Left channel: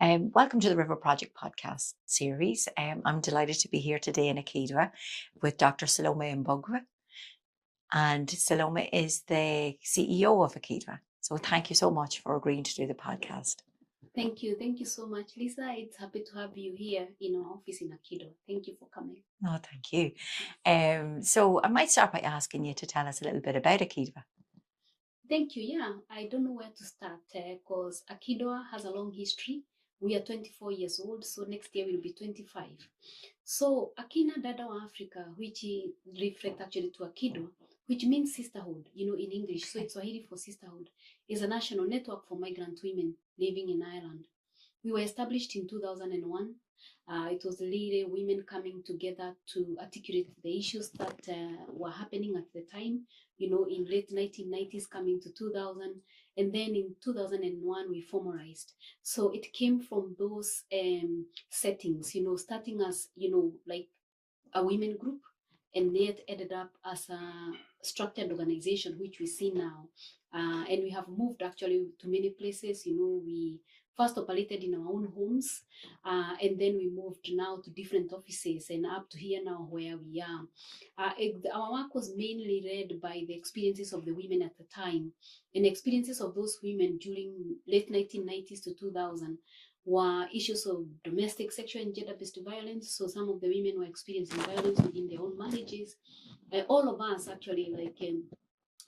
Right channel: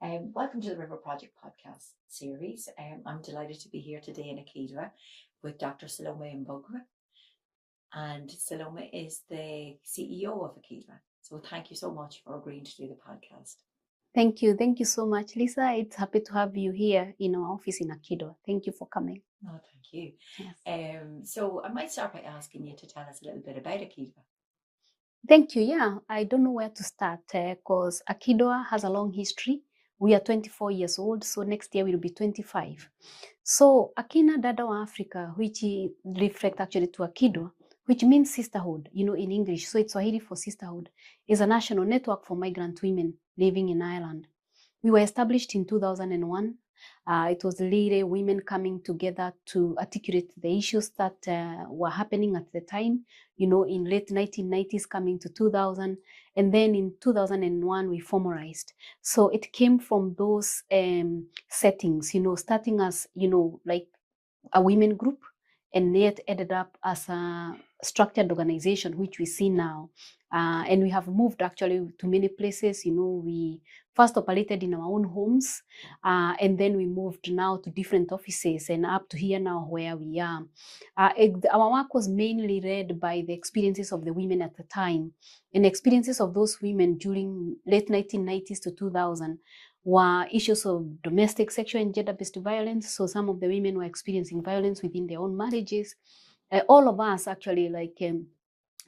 Welcome to the RiVeR Project podcast series. I'm delighted to be here today in AkiDwA with Dr. Salome Mbugua. And Salome is the CEO of AkiDwA. So thank you so much for agreeing to do the podcast. Thank you. Thank you so much, Lisa. It's happy to have you here in our office in AkiDwA. Thank you for coming. Oh, thank you. Yes. So I might start by asking you to tell us a little bit about AkiDwA. Thank you. Yeah, I don't know where to start because AkiDwA has a long history. We are 24 years old, so next year we'll be 25. So AkiDwA Africa, which reflects actually to AkiDwA, which means sisterhood, in English. So it's Swahili for sisterhood, is a national network for migrant women living in Ireland. We were established in 2001. It was really women coming together to articulate the issues that were happening at the time, in late 1990s coming to 2000. And then in 2001, we formalized. So it came from those settings, starting as, like a women group, and yet ended up as a structured organization, which we see now. And we have moved actually to many places. We first operated in our own homes, and then we moved now to different offices and up to here now where we are. Our work was mainly led by the experiences of the women at the time, and experiences of those women during late 1990s to 2000 were issues of domestic, sexual, and gender-based violence. So some of the women were experiencing violence within their own marriages. All of us actually,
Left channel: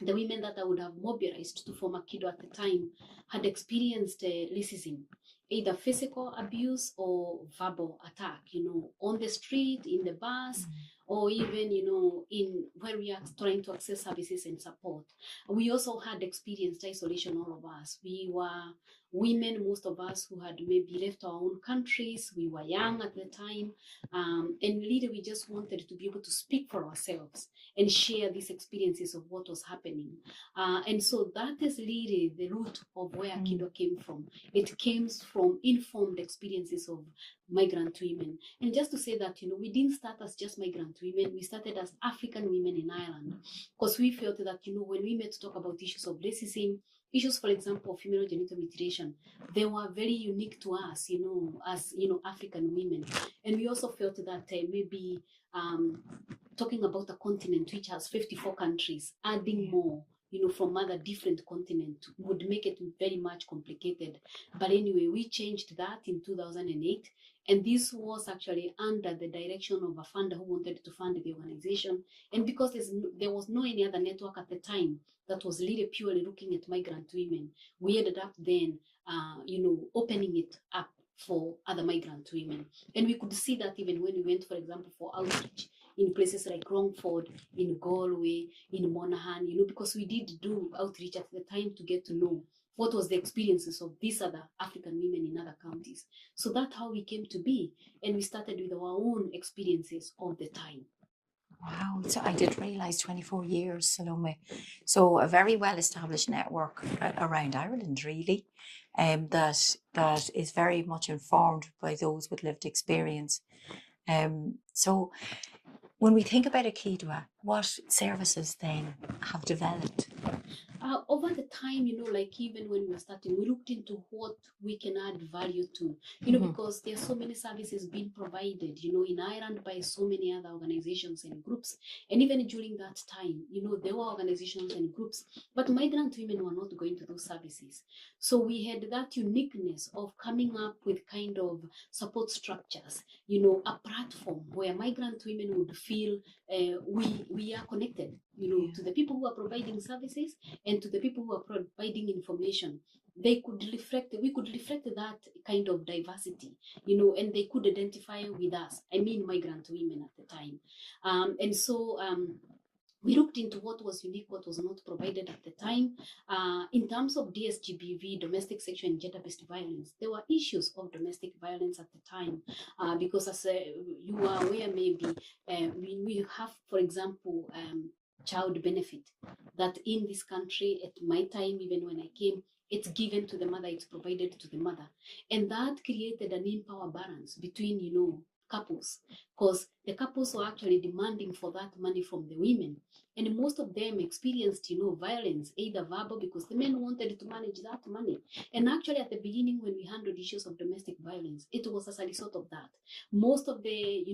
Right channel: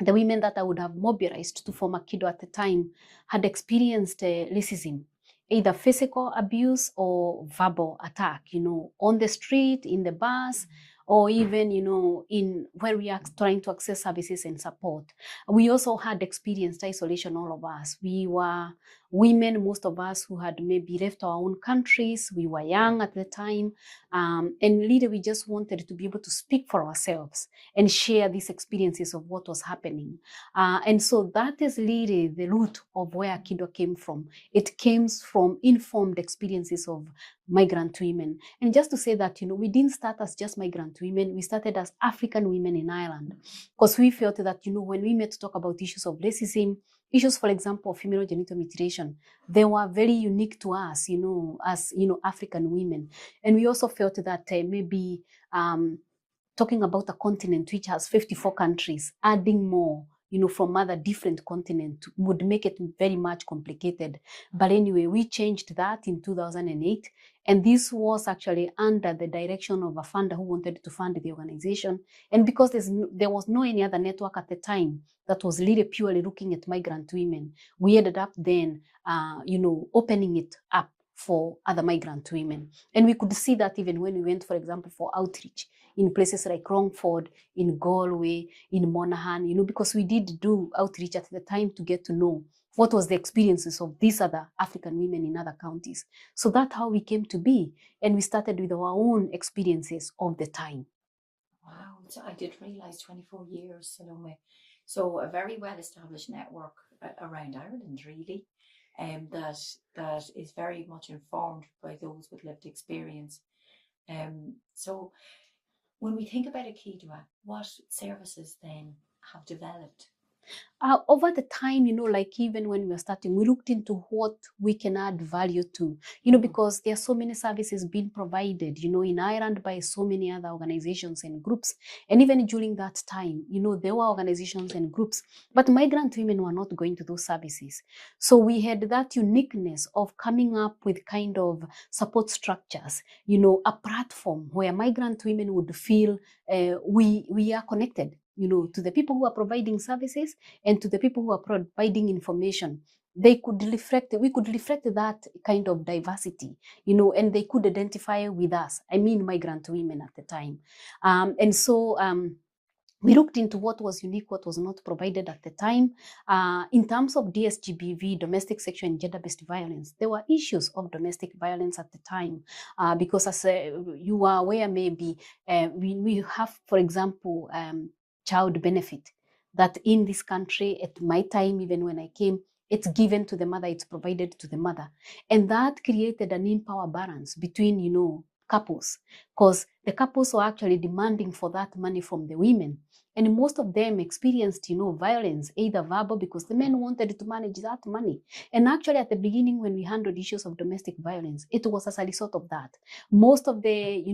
the women that I would have mobilized to form AkiDwA at the time had experienced racism, either physical abuse or verbal attack, on the street, in the bus, or even, in where we are trying to access services and support. We also had experienced isolation, all of us. We were women, most of us, who had maybe left our own countries. We were young at the time. And really, we just wanted to be able to speak for ourselves and share these experiences of what was happening. And so that is really the root of where AkiDwA came from. It came from informed experiences of migrant women. And just to say that, we didn't start as just migrant women. We started as African women in Ireland, because we felt that, when we met to talk about issues of racism, issues, for example, of female genital mutilation, they were very unique to us, as, African women. And we also felt that maybe talking about a continent which has 54 countries, adding more, from other different continents would make it very much complicated. But anyway, we changed that in 2008. And this was actually under the direction of a funder who wanted to fund the organization. And because there was no any other network at the time that was really purely looking at migrant women, we ended up then, opening it up for other migrant women. And we could see that even when we went, for example, for outreach in places like Longford, in Galway, in Monaghan, because we did do outreach at the time to get to know what was the experiences of these other African women in other counties. So that's how we came to be. And we started with our own experiences of the time. Wow, so I did realize 24 years, Salome. So a very well-established network around Ireland, really, that is very much informed by those with lived experience. So when we think about AkiDwA, what services then have developed? Over the time, even when we were starting, we looked into what we can add value to, because there are so many services being provided, in Ireland by so many other organizations and groups. And even during that time, there were organizations and groups, but migrant women were not going to those services. So we had that uniqueness of coming up with kind of support structures, a platform where migrant women would feel we are connected, to the people who are providing services and to the people who are providing information. We could reflect that kind of diversity, and they could identify with us. I mean, migrant women at the time. And so we looked into what was unique, what was not provided at the time. In terms of DSGBV, domestic sexual and gender-based violence, there were issues of domestic violence at the time, because as you are aware, maybe we have, for example, child benefit that in this country at my time, even when I came, it's given to the mother, it's provided to the mother. And that created an in-power balance between, couples, because the couples were actually demanding for that money from the women. And most of them experienced, violence, either verbal, because the men wanted to manage that money. And actually, at the beginning, when we handled issues of domestic violence, it was as a result of that. Most of the,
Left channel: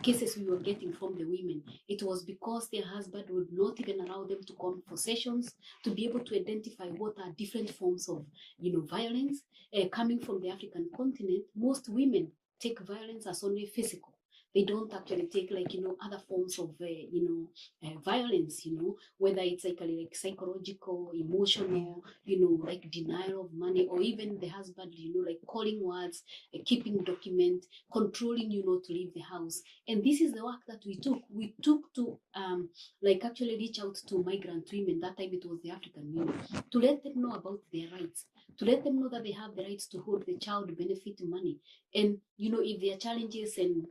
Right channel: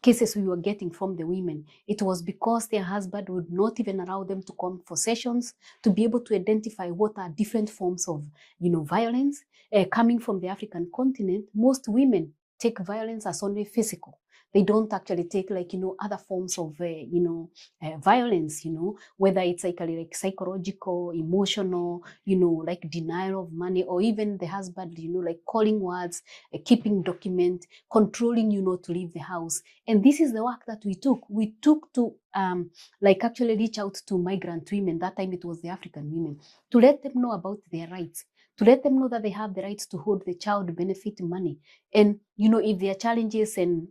cases we were getting from the women, it was because their husband would not even allow them to come for sessions to be able to identify what are different forms of, violence. Coming from the African continent, most women take violence as only physical. They don't actually take other forms of violence, whether it's like psychological, emotional, like denial of money, or even the husband, like calling words, keeping document, controlling to leave the house. And this is the work that we took. We took to actually reach out to migrant women. That time it was the African women, to let them know about their rights, to let them know that they have the rights to hold the child benefit money. And if there are challenges and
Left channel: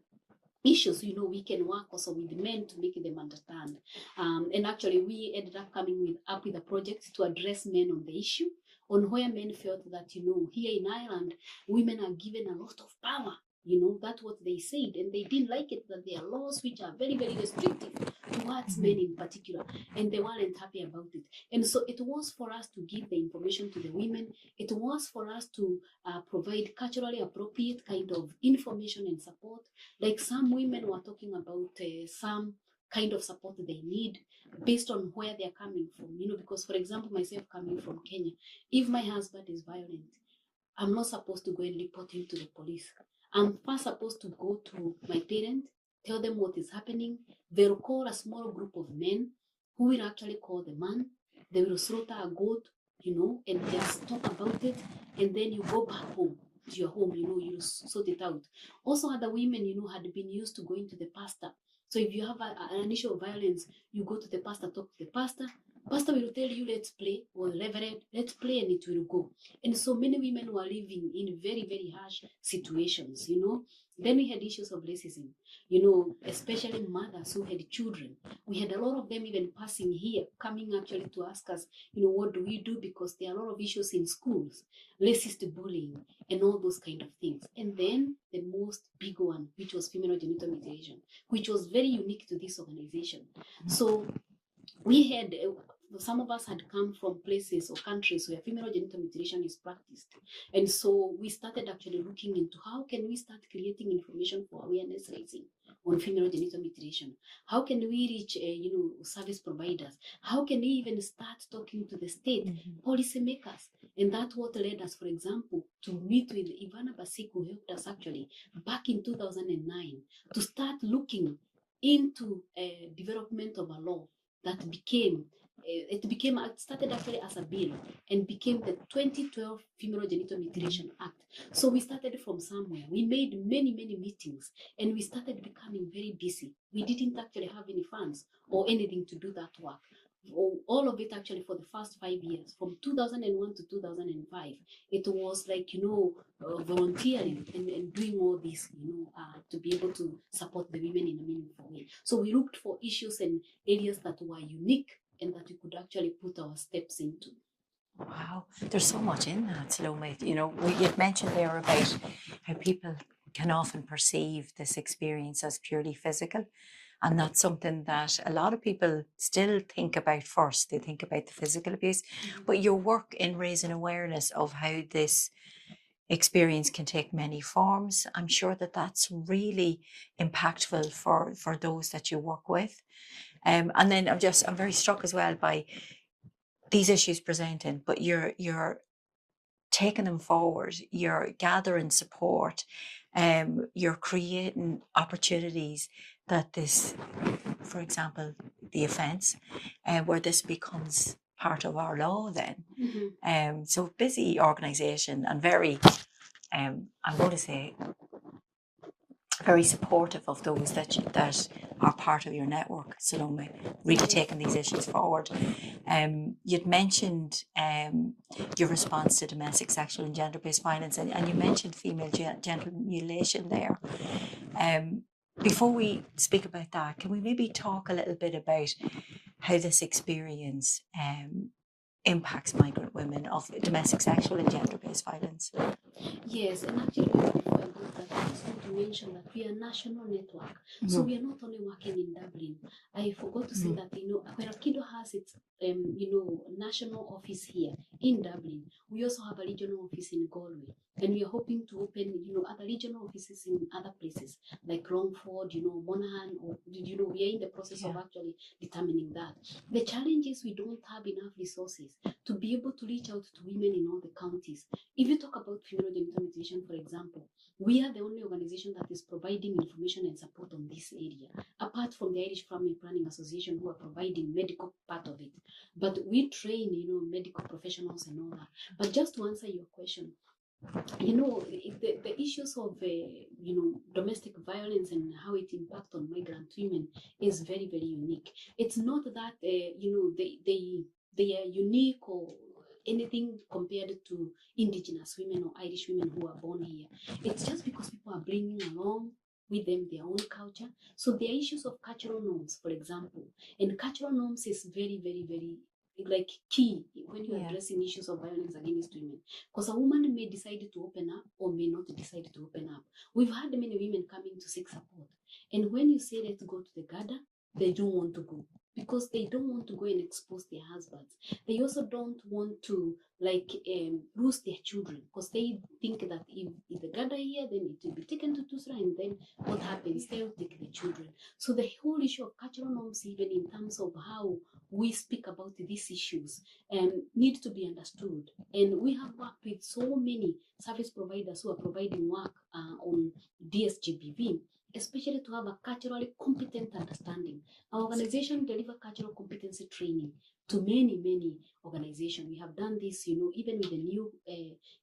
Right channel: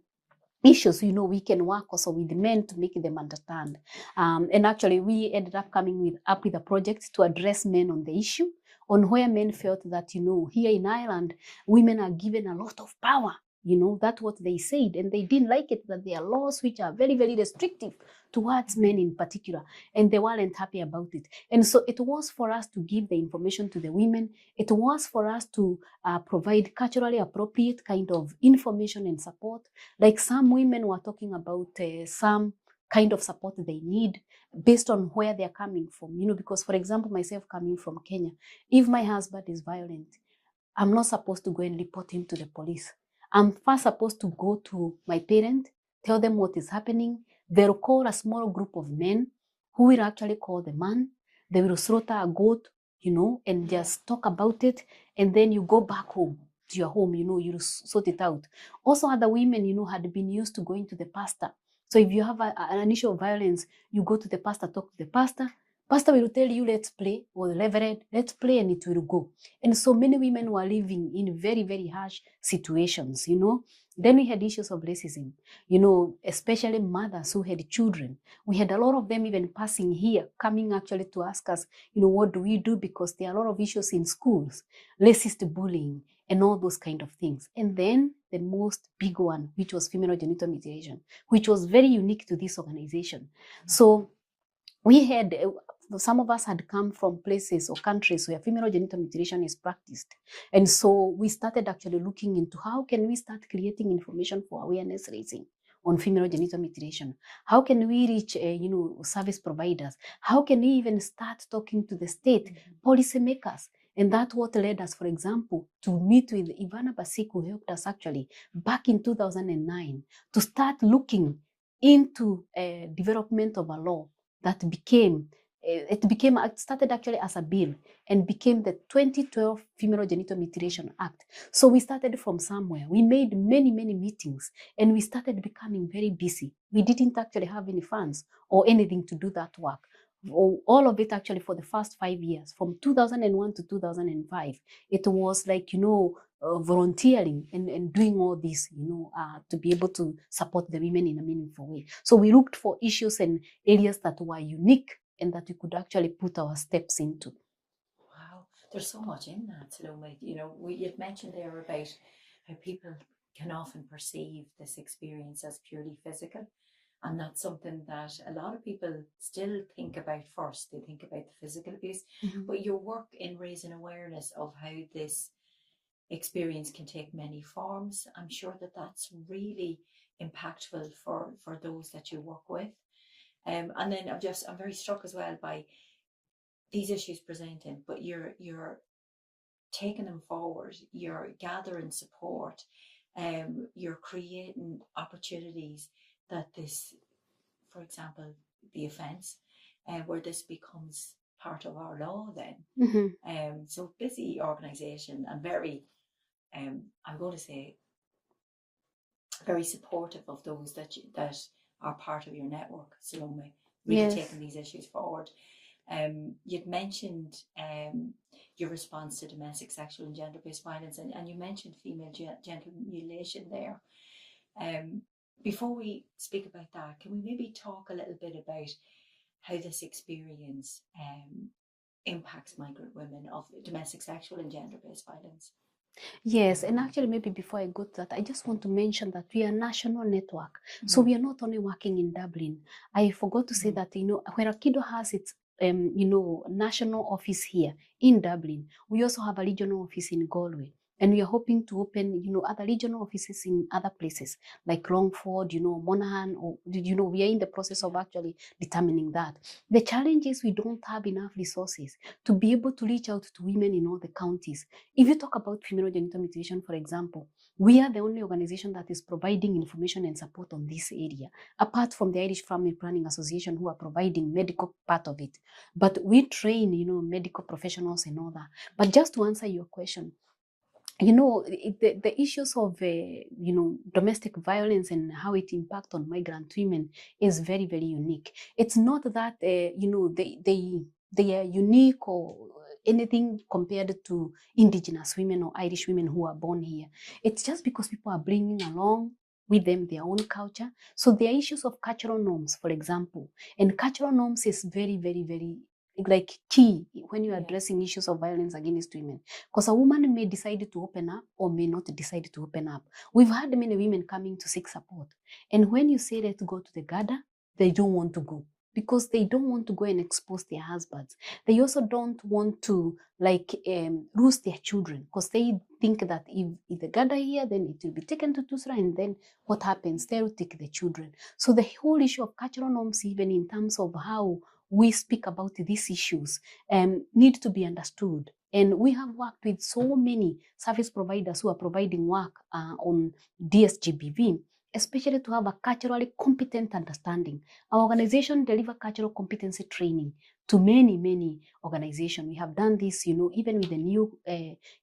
issues, we can work also with the men to make them understand. And actually, we ended up coming up with a project to address men on the issue, on where men felt that, here in Ireland, women are given a lot of power. That's what they said. And they didn't like it, that there are laws which are very, very restrictive towards men in particular. And they weren't happy about it. And so it was for us to give the information to the women. It was for us to provide culturally appropriate kind of information and support. Like some women were talking about some kind of support they need based on where they're coming from. Because, for example, myself coming from Kenya, if my husband is violent, I'm not supposed to go and report him to the police. I'm first supposed to go to my parent, tell them what is happening. They'll call a small group of men who will actually call the man. They will slaughter a goat, and just talk about it. And then you go back home to your home, you sort it out. Also, other women, had been used to going to the pastor. So if you have an issue of violence, you go to the pastor, talk to the pastor. Pastor will tell you, let's pray, or reverend, let's pray, and it will go. And so many women were living in very, very harsh situations, Then we had issues of racism, especially mothers who had children. We had a lot of them even passing here, coming actually to ask us, what do we do? Because there are a lot of issues in schools, racist bullying, and all those kind of things. And then the most big one, which was female genital mutilation, which was very unique to this organization. So we had, some of us had come from places or countries where female genital mutilation is practiced. And so we started actually looking into how can we start creating information for awareness raising on female genital mutilation. How can we reach, service providers? How can we even start talking to the state policymakers? And that's what led us, for example, to meet with Ivana Basik, who helped us actually back in 2009 to start looking into development of a law that it started actually as a bill and became the 2012 Female Genital Mutilation Act. So we started from somewhere. We made many, many meetings and we started becoming very busy. We didn't actually have any funds or anything to do that work. All of it actually for the first 5 years, from 2001 to 2005, it was like, volunteering and doing all this, to be able to support the women in a meaningful way. So we looked for issues and areas that were unique and that we could actually put our steps into. Wow, there's so much in that, Salome. You've mentioned there about how people can often perceive this experience as purely physical. And that's something that a lot of people still think about first. They think about the physical abuse, but your work in raising awareness of how this experience can take many forms, I'm sure that that's really impactful for those that you work with. And then I'm very struck as well by these issues presenting, but you're taking them forward, you're gathering support, you're creating opportunities that this, for example, the offence, where this becomes part of our law then. So busy organisation and very, I'm going to say, very supportive of those that are part of your network, Salome, really taking these issues forward. You'd mentioned your response to domestic, sexual and gender-based violence, and you mentioned female genital mutilation there. Before we speak about that, can we maybe talk a little bit about how this experience impacts migrant women of domestic, sexual and gender-based violence? Yes, and actually maybe before I go to that, I just want to mention that we are a national network. So we are not only working in Dublin. I forgot to say that, where AkiDwA has its, national office here in Dublin, we also have a regional office in Galway. And we are hoping to open, other regional offices in other places like Longford, Monaghan, or, we are in the process of actually determining that. The challenge is we don't have enough resources to be able to reach out to women in all the counties. If you talk about female genital mutilation, for example, we are the only organization that is providing information and support on this area, apart from the Irish Family Planning Association, who are providing medical part of it. But we train, medical professionals and all that. But just to answer your question, the issues of domestic violence and how it impacts on migrant women is very, very unique. It's not that they are unique or anything compared to indigenous women or Irish women who are born here. It's just because people are bringing along with them their own culture. So there are issues of cultural norms, for example, and cultural norms is very, very, very key when you're addressing issues of violence against women, because a woman may decide to open up or may not decide to open up. We've had many women coming to seek support, and when you say let's go to the Garda, they don't want to go because they don't want to go and expose their husbands. They also don't want to lose their children, because they think that if the Garda here, then it will be taken to Tusra, and then what happens? They'll take the children. So the whole issue of cultural norms, even in terms of how we speak about these issues, need to be understood. And we have worked with so many service providers who are providing work on DSGBV, especially to have a culturally competent understanding. Our organization delivers cultural competency training to many, many organizations. We have done this, even with the new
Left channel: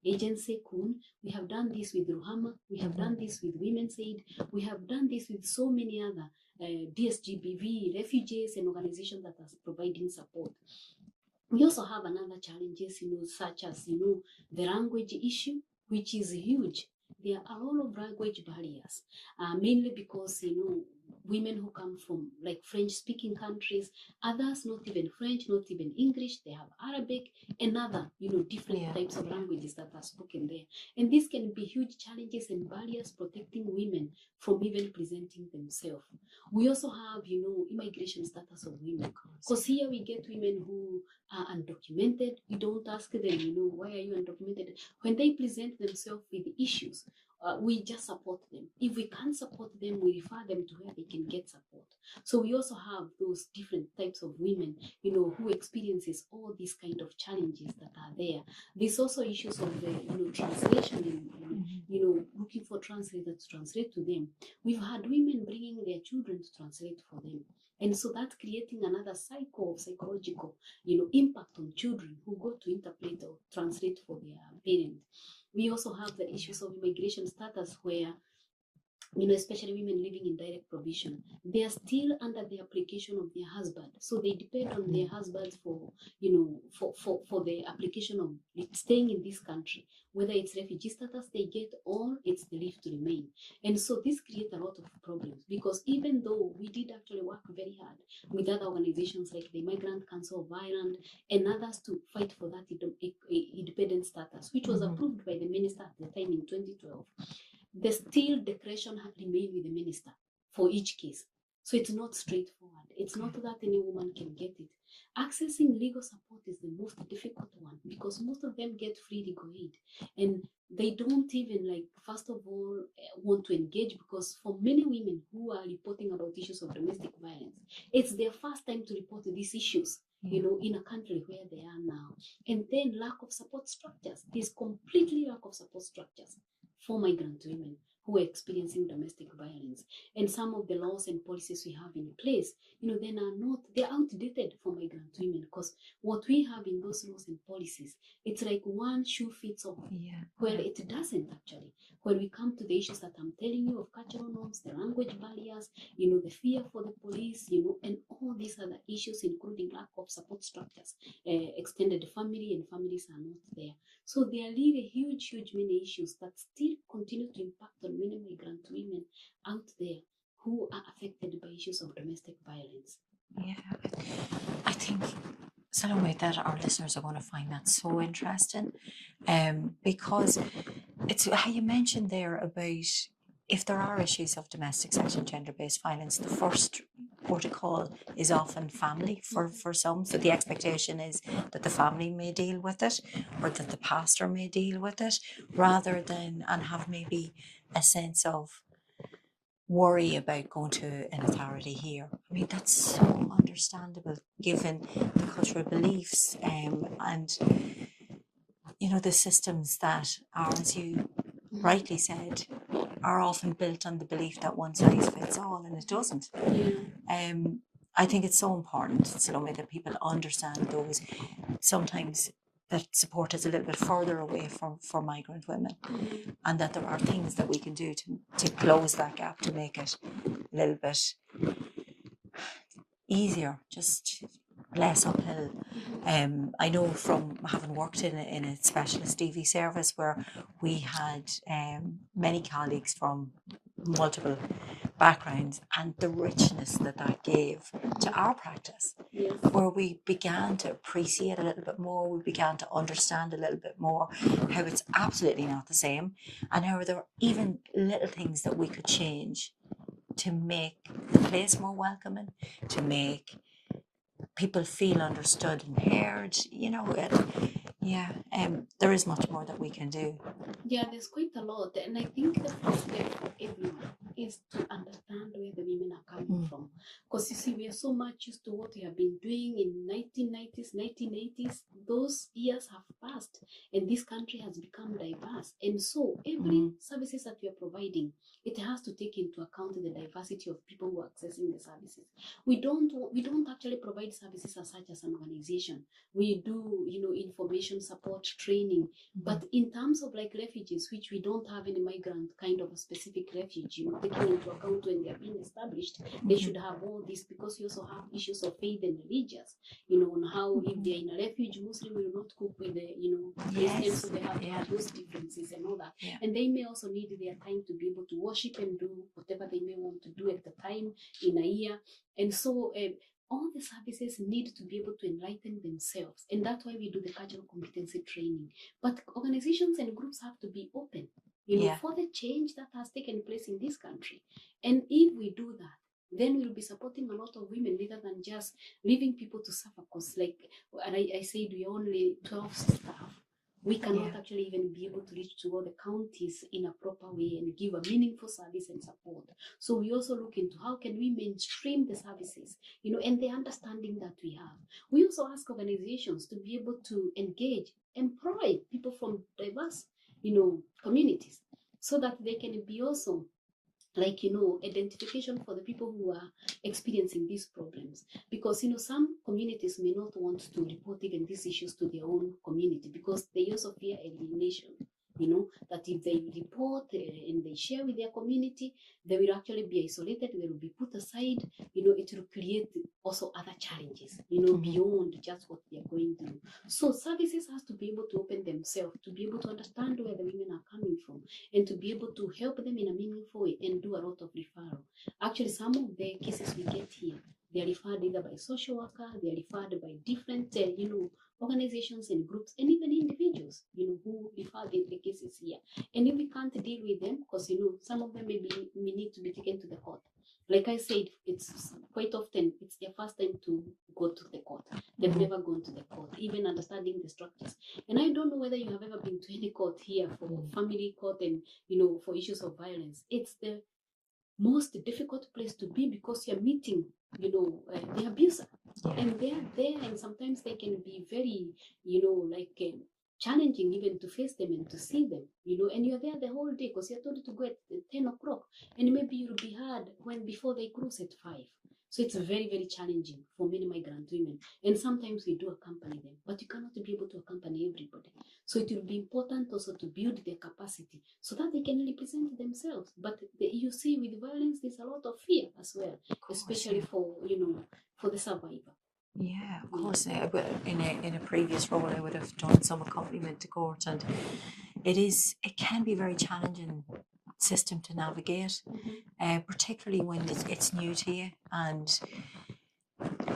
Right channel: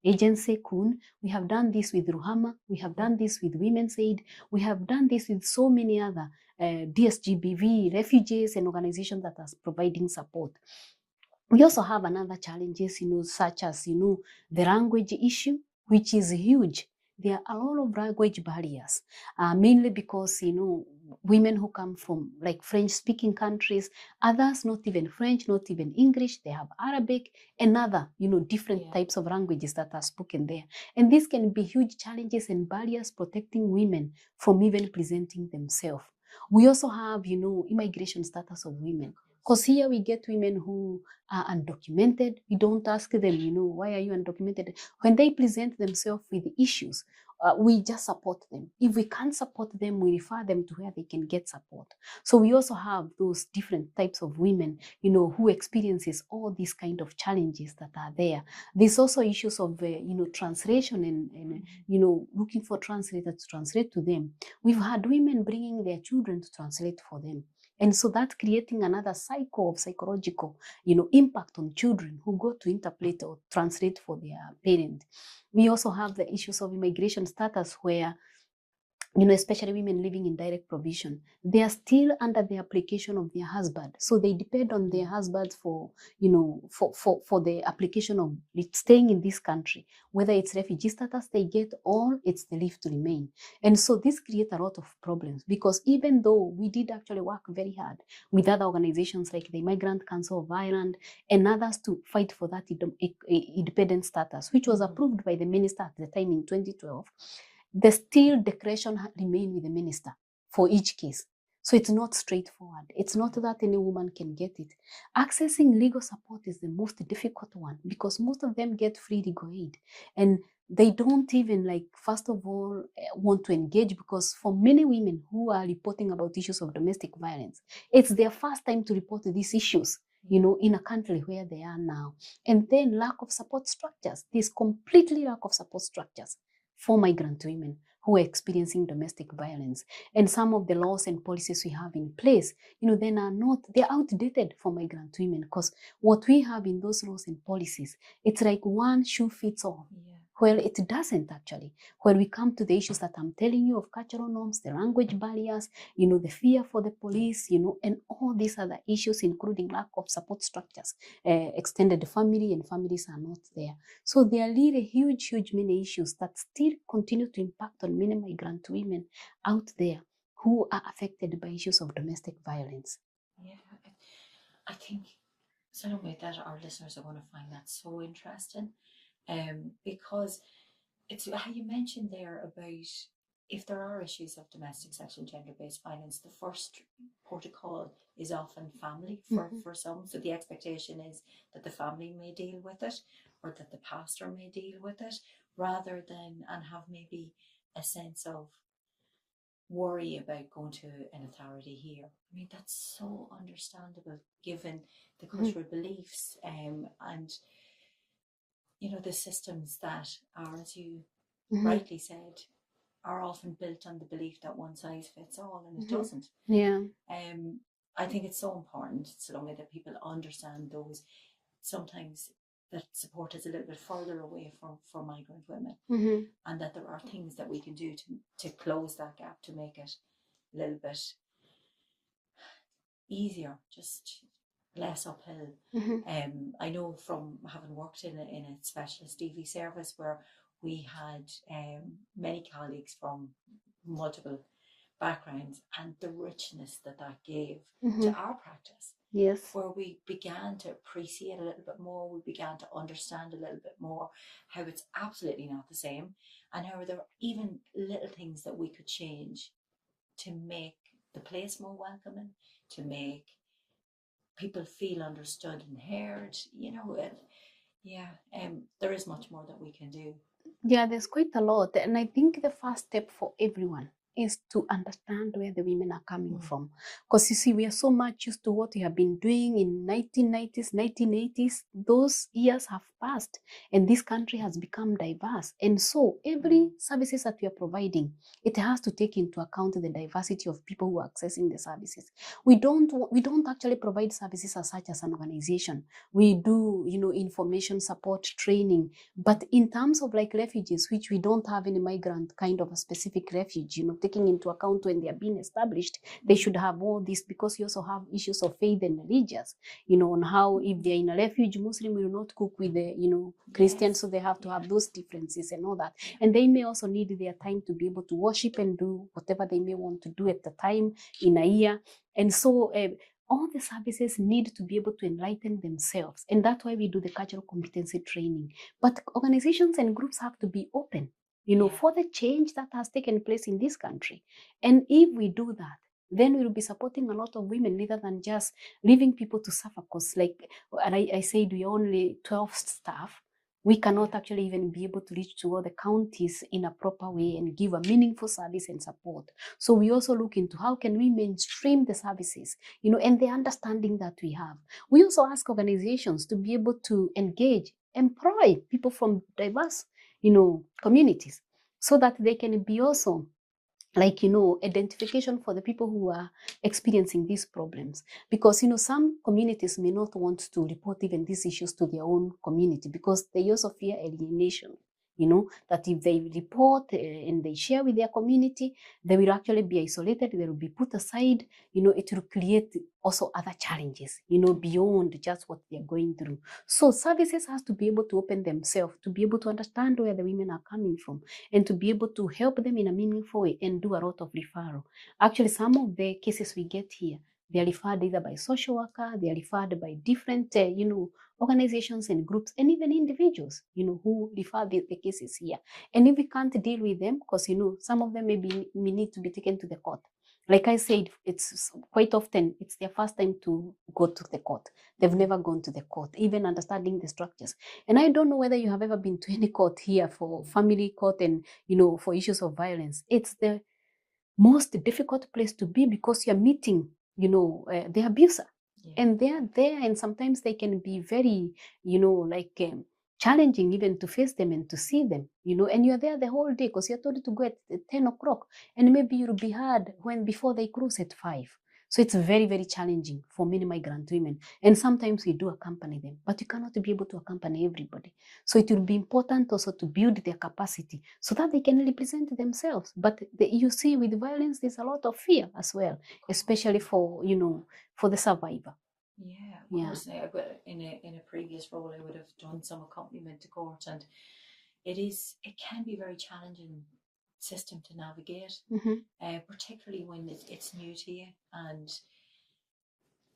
agency, Kun. We have done this with Ruhama. We have done this with Women's Aid. We have done this with so many other DSGBV, refugees, and organizations that are providing support. We also have another challenges, such as, the language issue, which is huge. There are a lot of language barriers, mainly because, women who come from French-speaking countries, others not even French, not even English, they have Arabic and other, different types of languages that are spoken there. And this can be huge challenges and barriers protecting women from even presenting themselves. We also have, immigration status of women, because here we get women who are undocumented. We don't ask them, why are you undocumented? When they present themselves with issues, we just support them. If we can't support them, we refer them to where they can get support. So we also have those different types of women, who experiences all these kind of challenges that are there. There's also issues of, translation and looking for translators to translate to them. We've had women bringing their children to translate for them. And so that's creating another cycle of psychological, impact on children who go to interpret or translate for their parent. We also have the issues of immigration status where, especially women living in direct provision, they are still under the application of their husband. So they depend on their husbands for, for the application of staying in this country, whether it's refugee status they get or it's the leave to remain. And so this creates a lot of problems, because even though we did actually work very hard with other organizations like the Migrant Council of Ireland and others to fight for that independent status, which was approved by the minister at the time in 2012, the still discretion remain with the minister for each case. So it's not straightforward. It's not that any woman can get it. Accessing legal support is the most difficult one, because most of them get free legal aid. And they don't even first of all, want to engage, because for many women who are reporting about issues of domestic violence, it's their first time to report these issues, in a country where they are now. And then lack of support structures. There's completely lack of support structures for migrant women who are experiencing domestic violence. And some of the laws and policies we have in place, they're outdated for migrant women, because what we have in those laws and policies, it's like one shoe fits all. Well, it doesn't actually. When we come to the issues that I'm telling you of cultural norms, the language barriers, the fear for the police, and all these other issues, including lack of support structures, extended family and families are not there. So there are really huge many issues that still continue to impact on many migrant women out there who are affected by issues of domestic violence. Yeah, I think Salome, that our listeners are going to find that so interesting, because it's how you mentioned there about if there are issues of domestic sexual gender-based violence, the first protocol is often family for some. So the expectation is that the family may deal with it, or that the pastor may deal with it, rather than and have maybe a sense of worry about going to an authority here. I mean, that's so understandable given the cultural beliefs, and the systems that are, as you rightly said, are often built on the belief that one size fits all, and it doesn't. Yeah. I think it's so important, Salome, that people understand those. Sometimes that support is a little bit further away for migrant women, and that there are things that we can do to close that gap, to make it a little bit easier, just less uphill. I know from having worked in a specialist DV service where we had many colleagues from multiple backgrounds, and the richness that gave to our practice. Yes. Where we began to appreciate a little bit more, we began to understand a little bit more how it's absolutely not the same, and how there were even little things that we could change to make the place more welcoming, to make people feel understood and heard. There is much more that we can do. Yeah, there's quite a lot. And I think the first step for everyone is to understand where the women are coming from. Because you see, we are so much used to what we have been doing in 1990s, 1980s. Those years have passed and this country has become diverse. And so every services that we are providing, it has to take into account the diversity of people who are accessing the services. We don't actually provide services as such as an organization. We do, information support, training. But in terms of like refugees, which we don't have any migrant kind of a specific refuge, taking into account when they are being established, they should have all this, because you also have issues of faith and religious, on how if they're in a refuge, Muslim will not cook with the, Christians, so they have to have those differences and all that. Yeah. And they may also need their time to be able to worship and do whatever they may want to do at the time in a year. And so all the services need to be able to enlighten themselves. And that's why we do the cultural competency training. But organizations and groups have to be open, for the change that has taken place in this country. And if we do that, then we'll be supporting a lot of women rather than just leaving people to suffer. Because I said, we only 12 staff. We cannot actually even be able to reach to all the counties in a proper way and give a meaningful service and support. So we also look into how can we mainstream the services, and the understanding that we have. We also ask organizations to be able to engage, employ people from diverse, communities, so that they can be also identification for the people who are experiencing these problems. Because, some communities may not want to report even these issues to their own community because they also fear alienation. That if they report and they share with their community, they will actually be isolated, they will be put aside, it will create also other challenges, beyond just what they're going through. So services has to be able to open themselves, to be able to understand where the women are coming from, and to be able to help them in a meaningful way and do a lot of referral. Actually, some of the cases we get here, they are referred either by social worker, they are referred by different, organizations and groups, and even individuals, who refer the cases here. And if we can't deal with them, because, some of them may need to be taken to the court. Like I said, it's quite often, it's their first time to go to the court. They've never gone to the court, even understanding the structures. And I don't know whether you have ever been to any court here for family court and, for issues of violence. It's the most difficult place to be because you're meeting, the abuser. And they're there, and sometimes they can be very, challenging even to face them and to see them, and you're there the whole day because you're told to go at 10 o'clock, and maybe you'll be heard before they close at 5. So it's very, very challenging for many migrant women. And sometimes we do accompany them, but you cannot be able to accompany everybody. So it will be important also to build their capacity so that they can represent themselves. But you see, with violence, there's a lot of fear as well, especially for, for the survivor. Yeah, of course. In a previous role, I would have done some accompaniment to court, and it can be a very challenging system to navigate, particularly when it's new to you, and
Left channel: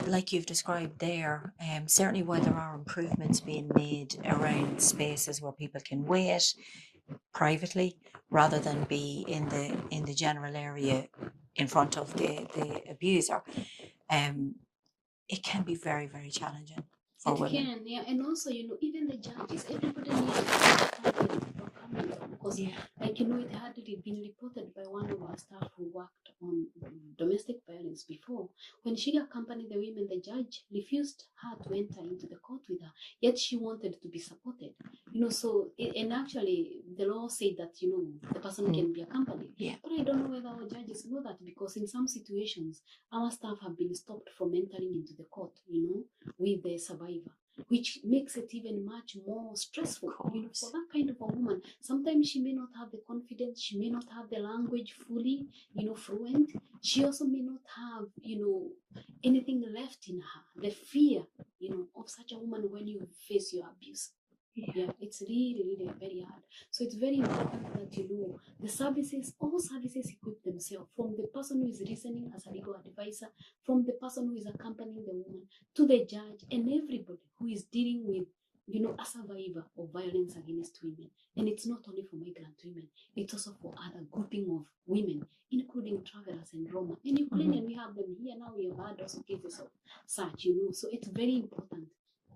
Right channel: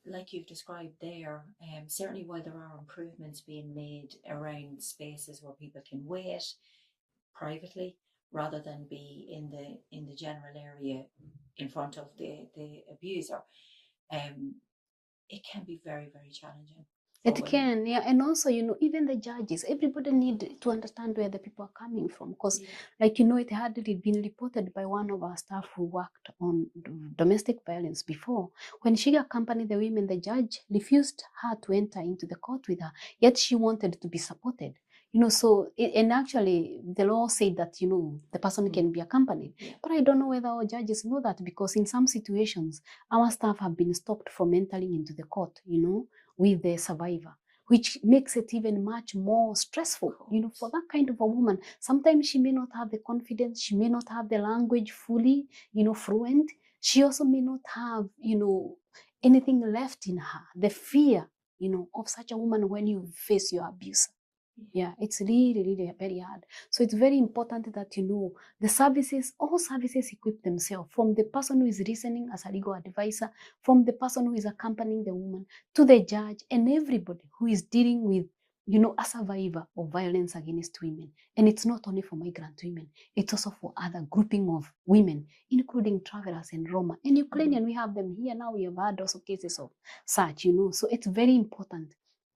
like you've described there, certainly while there are improvements being made around spaces where people can wait privately rather than be in the general area in front of the abuser, it can be very, very challenging for It women. can, yeah, and also, even the judges, everybody needs to understand where the people are coming from, because, like, it had been reported by one of our staff who worked on domestic violence before. When she accompanied the women, the judge refused her to enter into the court with her, yet she wanted to be supported, so, and actually, the law said that, the person can be accompanied, but I don't know whether our judges know that, because in some situations, our staff have been stopped from entering into the court, with the survivor, which makes it even much more stressful, for that kind of a woman. Sometimes she may not have the confidence, she may not have the language fully, fluent. She also may not have, anything left in her, the fear, of such a woman when you face your abuser. Yeah, it's really, really very hard. So it's very important that the services, all services equip themselves, from the person who is listening as a legal advisor, from the person who is accompanying the woman, to the judge, and everybody who is dealing with, a survivor of violence against women. And it's not only for migrant women, it's also for other grouping of women, including travelers and Roma. And Ukrainian, we have them here now. We have had also cases of such, So it's very important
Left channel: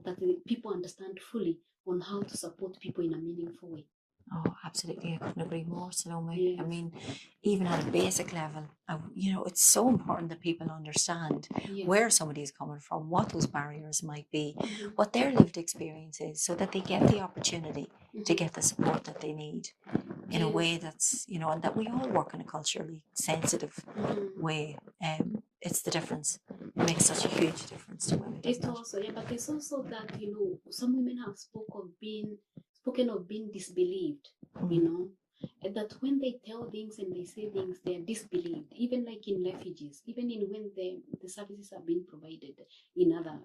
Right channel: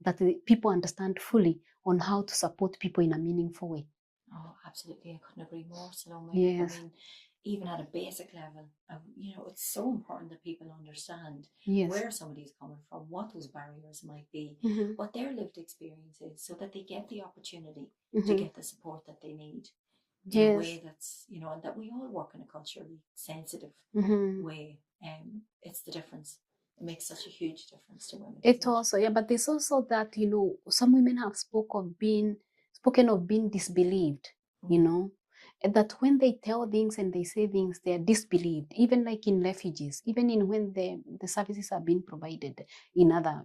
that the people understand fully on how to support people in a meaningful way. Oh, absolutely. I couldn't agree more, Salome. Yes. I mean, even at a basic level, it's so important that people understand where somebody is coming from, what those barriers might be, what their lived experience is, so that they get the opportunity to get the support that they need in a way that's, and that we all work in a culturally sensitive way. It's the difference. It makes such a huge difference to women. It also, but there's also that, some women have spoken of being disbelieved, and that when they tell things and they say things, they are disbelieved, even like in refugees, even in when the services are being provided in other,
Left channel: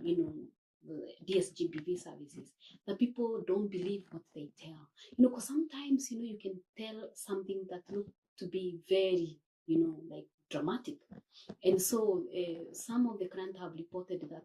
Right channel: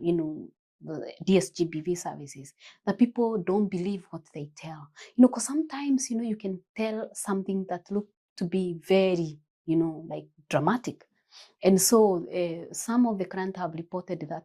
the DSGBV services, that people don't believe what they tell, because sometimes, you can tell something that look to be very, like dramatic. And so some of the clients have reported that,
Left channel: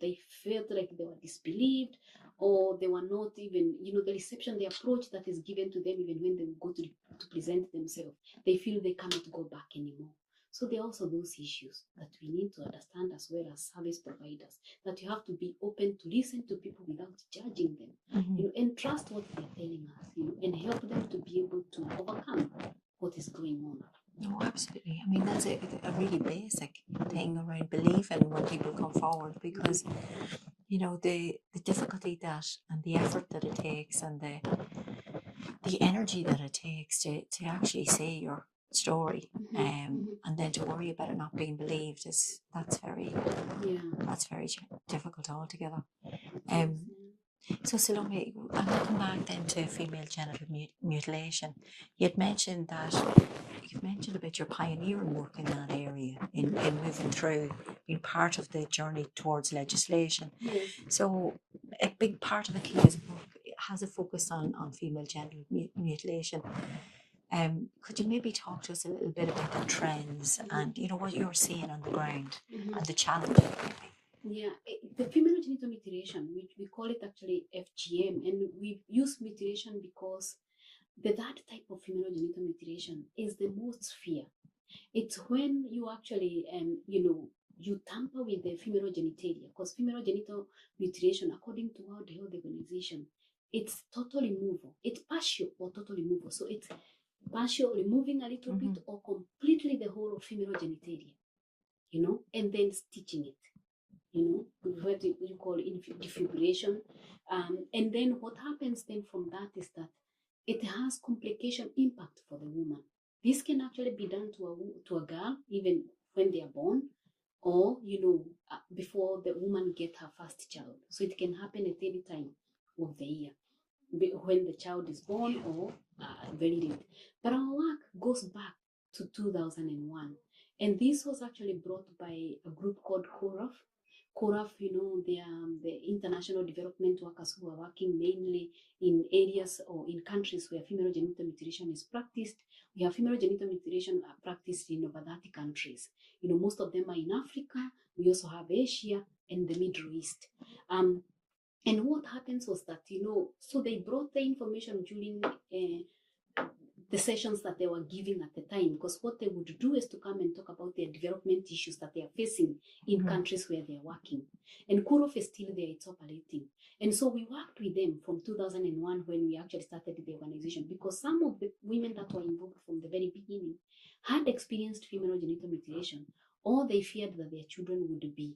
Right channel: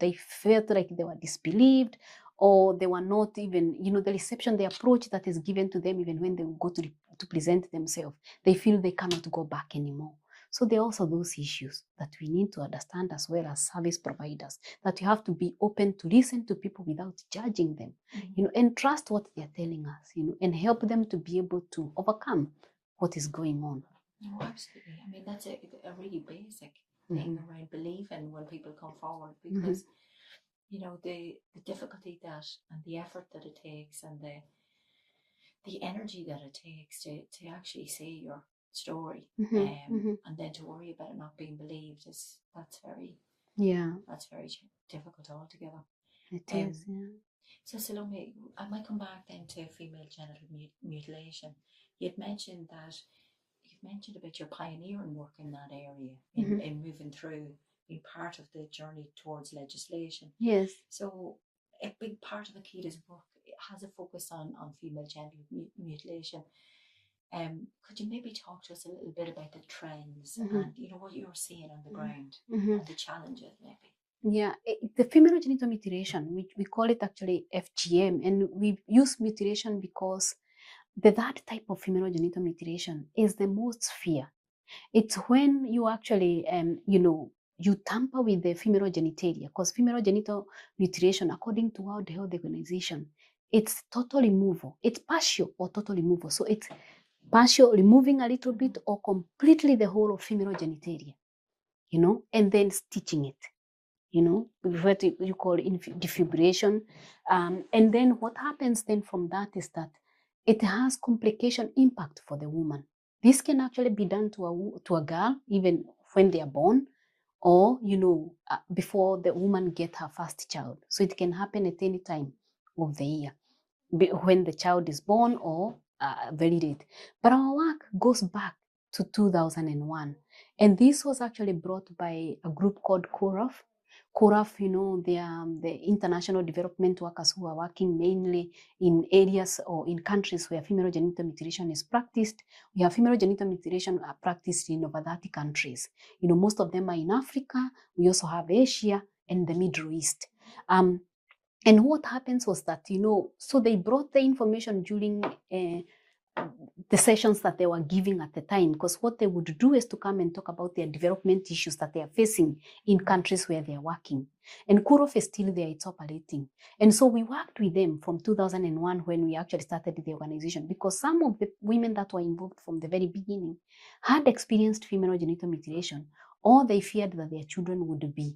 they felt like they were disbelieved, or they were not even, the reception, the approach that is given to them, even when they go to present themselves, they feel they cannot go back anymore. So there are also those issues that we need to understand as well as service providers, that you have to be open to listen to people without judging them, and trust what they're telling us, and help them to be able to overcome what is going on. Oh, absolutely. I mean, that's a really basic thing around believing when people come forward, because, the difficulty that and the effort that it takes and the energy that it takes to actually say your story, and then to worry about it not being believed that's very difficult altogether. So Salome, I'm coming back then to female genital mutilation. You've mentioned about your pioneering work in that area, in moving through, being part of the journey towards legislation. Yes. So a big part of AkiDwA's work has a focus on female genital mutilation. Could you maybe talk to us a little bit about the trends and what you're seeing on the ground and the challenges? Yeah, the female genital mutilation, which we call it actually FGM, and we use mutilation because that type of female genital mutilation is the most feared. It's when you actually, you tamper with the female genitalia, because female genital mutilation, according to World Health Organization, it's total removal. It's partial or total removal. So it's partial, removing a little bit, or completely the whole of female genitalia, and then stitching it. What you call defibrillation. And then what happens then from that is that it has complication impact for the woman. This can actually be done to a girl, even when they are born, or, before the woman gets her first child. So it can happen at any time of the year, when the child is born or very late. But our work goes back to 2001. And this was actually brought by a group called CORAF, CORAF, the international development workers who are working mainly in areas or in countries where female genital mutilation is practiced. We have female genital mutilation practiced in over 30 countries. Most of them are in Africa. We also have Asia and the Middle East. And what happens was that, so they brought the information during the sessions that they were giving at the time, because what they would do is to come and talk about their development issues that they are facing in countries where they are working. And CORAF is still there, it's operating. And so we worked with them from 2001 when we actually started the organization, because some of the women that were involved from the very beginning had experienced female genital mutilation, or they feared that their children would be,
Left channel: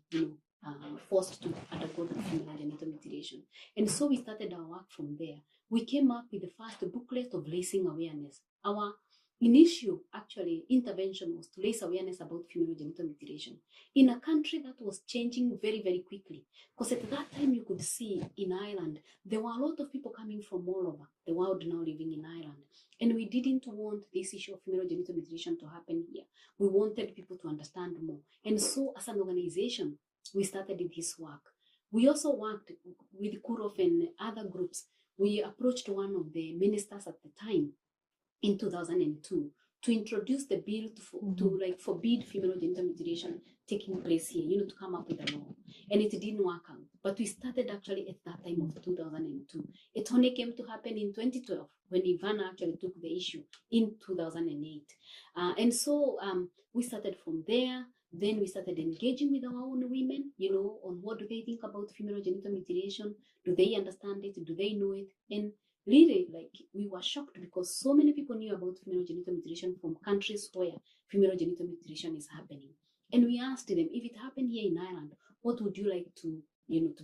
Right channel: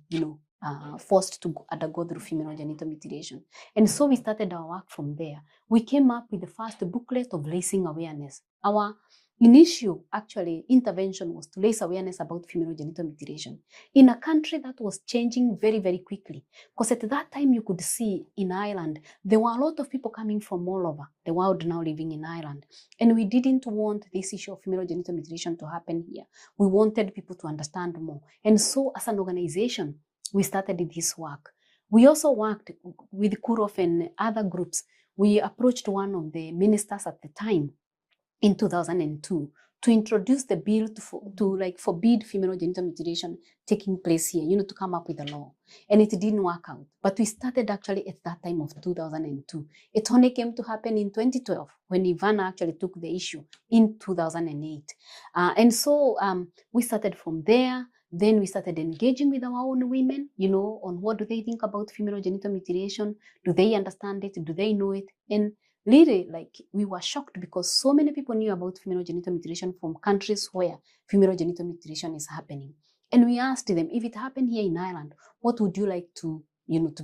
forced to undergo through female genital mutilation. And so we started our work from there. We came up with the first booklet of raising awareness. Our initial intervention was to raise awareness about female genital mutilation in a country that was changing very, very quickly. Because at that time you could see in Ireland, there were a lot of people coming from all over the world now living in Ireland. And we didn't want this issue of female genital mutilation to happen here. We wanted people to understand more. And so as an organization, we started this work. We also worked with CORAF and other groups. We approached one of the ministers at the time in 2002 to introduce the bill to forbid female genital mutilation taking place here, to come up with a law. And it didn't work out. But we started actually at that time of 2002. It only came to happen in 2012 when Ivana actually took the issue in 2008. And so we started from there. Then we started engaging with our own women, on what do they think about female genital mutilation? Do they understand it? Do they know it? And really, we were shocked because so many people knew about female genital mutilation from countries where female genital mutilation is happening. And we asked them, if it happened here in Ireland, what would you like to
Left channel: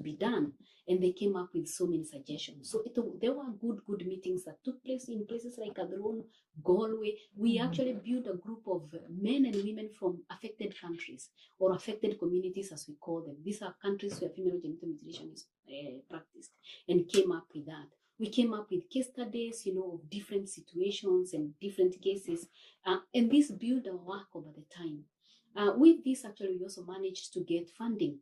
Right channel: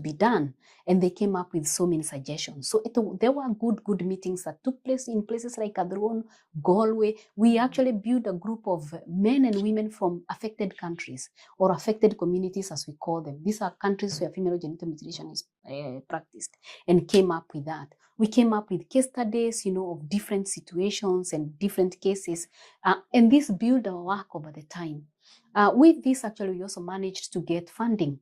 be done? And they came up with so many suggestions. So there were good meetings that took place in places like Adron, Galway. We actually built a group of men and women from affected countries or affected communities, as we call them. These are countries where female genital mutilation is practiced, and came up with that. We came up with case studies, of different situations and different cases. And this built our work over the time. With this, actually, we also managed to get funding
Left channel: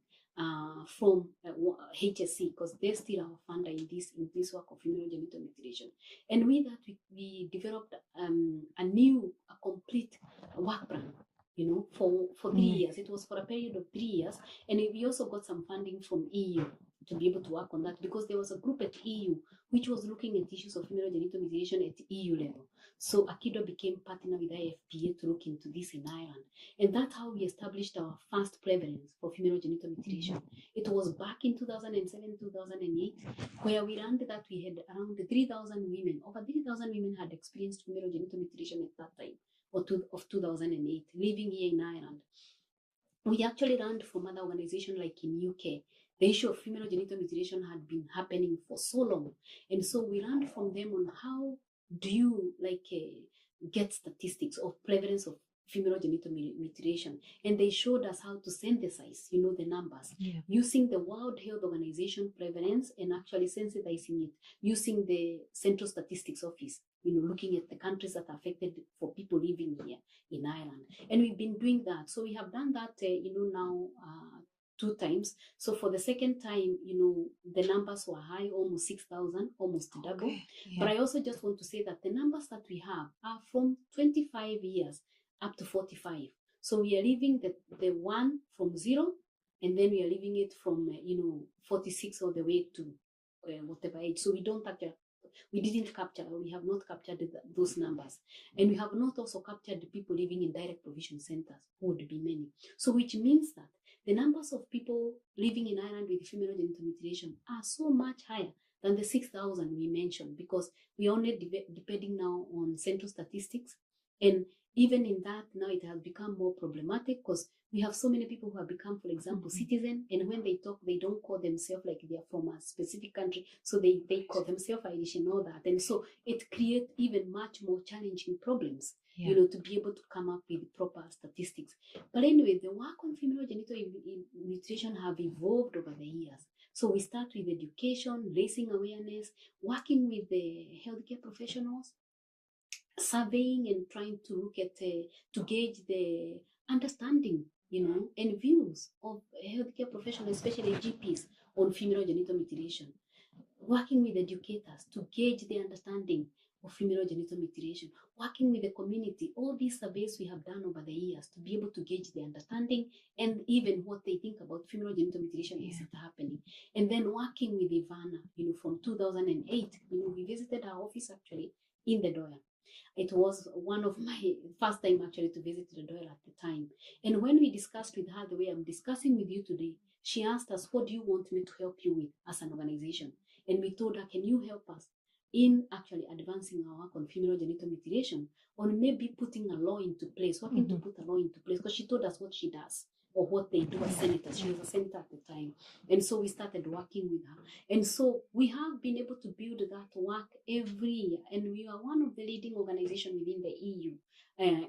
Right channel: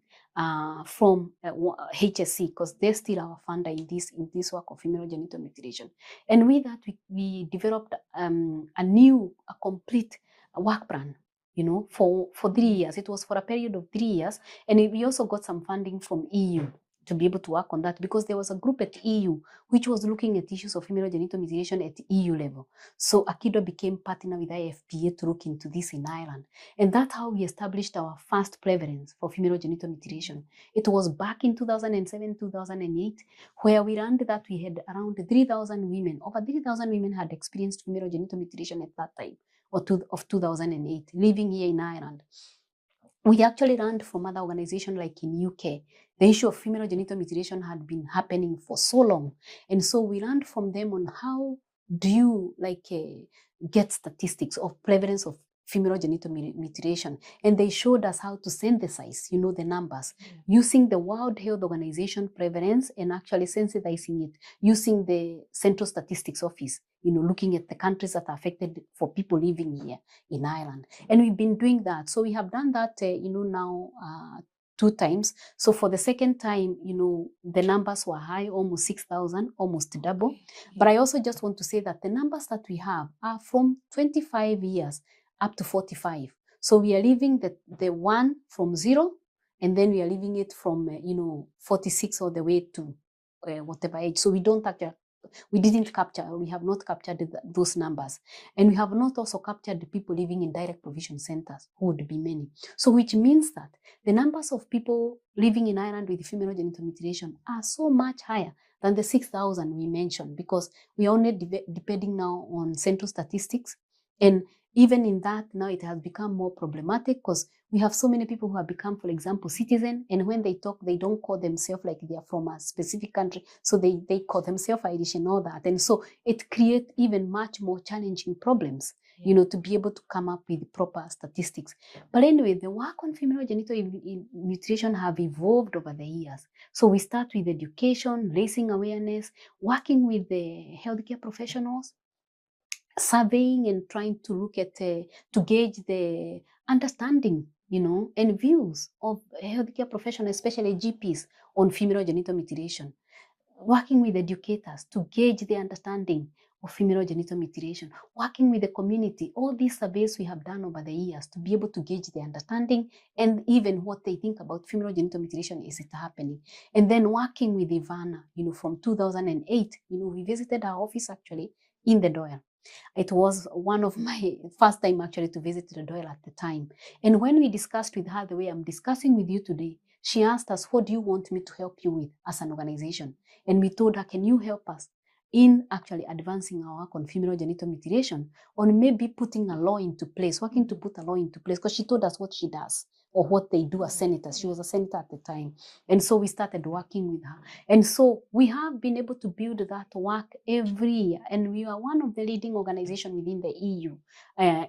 from HSC, because they're still our funder in this work of female genital mutilation. And with that, we developed a complete work plan, for 3 years. It was for a period of 3 years. And we also got some funding from EU to be able to work on that, because there was a group at EU which was looking at issues of female genital mutilation at EU level. So AkiDwA became partner with IFPA to look into this in Ireland. And that's how we established our first prevalence for female genital mutilation. It was back in 2007, 2008, where we learned that we had around 3,000 women. Over 3,000 women had experienced female genital mutilation at that time, of 2008, living here in Ireland. We actually learned from other organizations like in UK. The issue of female genital mutilation had been happening for so long. And so we learned from them on how do you get statistics of prevalence of female genital mutilation. And they showed us how to synthesize, the numbers, using the World Health Organization prevalence and actually sensitizing it using the Central Statistics Office, looking at the countries that are affected for people living here in Ireland. And we've been doing that. So we have done that, now 2 times. So for the second time, the numbers were high, almost 6,000, almost double. Yeah. But I also just want to say that the numbers that we have are from 25 years up to 45. So we are leaving the one from 0, and then we are leaving it from 46 all the way to whatever age. So we have not captured those numbers. And we have not also captured the people living in direct provision centers, who would be many. So which means that the numbers of people living in Ireland with female genital mutilation are so much higher than the 6,000 we mentioned, because we are only depending now on central statistics. And even in that, now it has become more problematic, because we have so many people who have become, for example, citizen, and when they talk, they don't call themselves like they are from a specific country. So they call themselves Irish and all that. And so it creates even much more challenging problems, to be able to come up with proper statistics. But anyway, the work on female genital mutilation have evolved over the years. So we start with education, raising awareness, working with the healthcare professionals, surveying and trying to look at, to gauge the understanding and views of healthcare professionals, especially GPs, on female genital mutilation. Working with educators to gauge their understanding of female genital mutilation, working with the community, all these surveys we have done over the years to be able to gauge their understanding and even what they think about female genital mutilation. Is it happening? And then working with Ivana, from 2008, we visited our office actually in the Doyle. It was one of my first time actually to visit the Doyle at the time. And when we discussed with her the way I'm discussing with you today, she asked us, what do you want me to help you with as an organization? And we told her, can you help us in actually advancing our work on female genital mutilation, or maybe putting a law into place, working to put a law into place, because she told us what she does or what they do as senators. She was a senator at the time. And so we started working with her. And so we have been able to build that work every year. And we are one of the leading organizations within the EU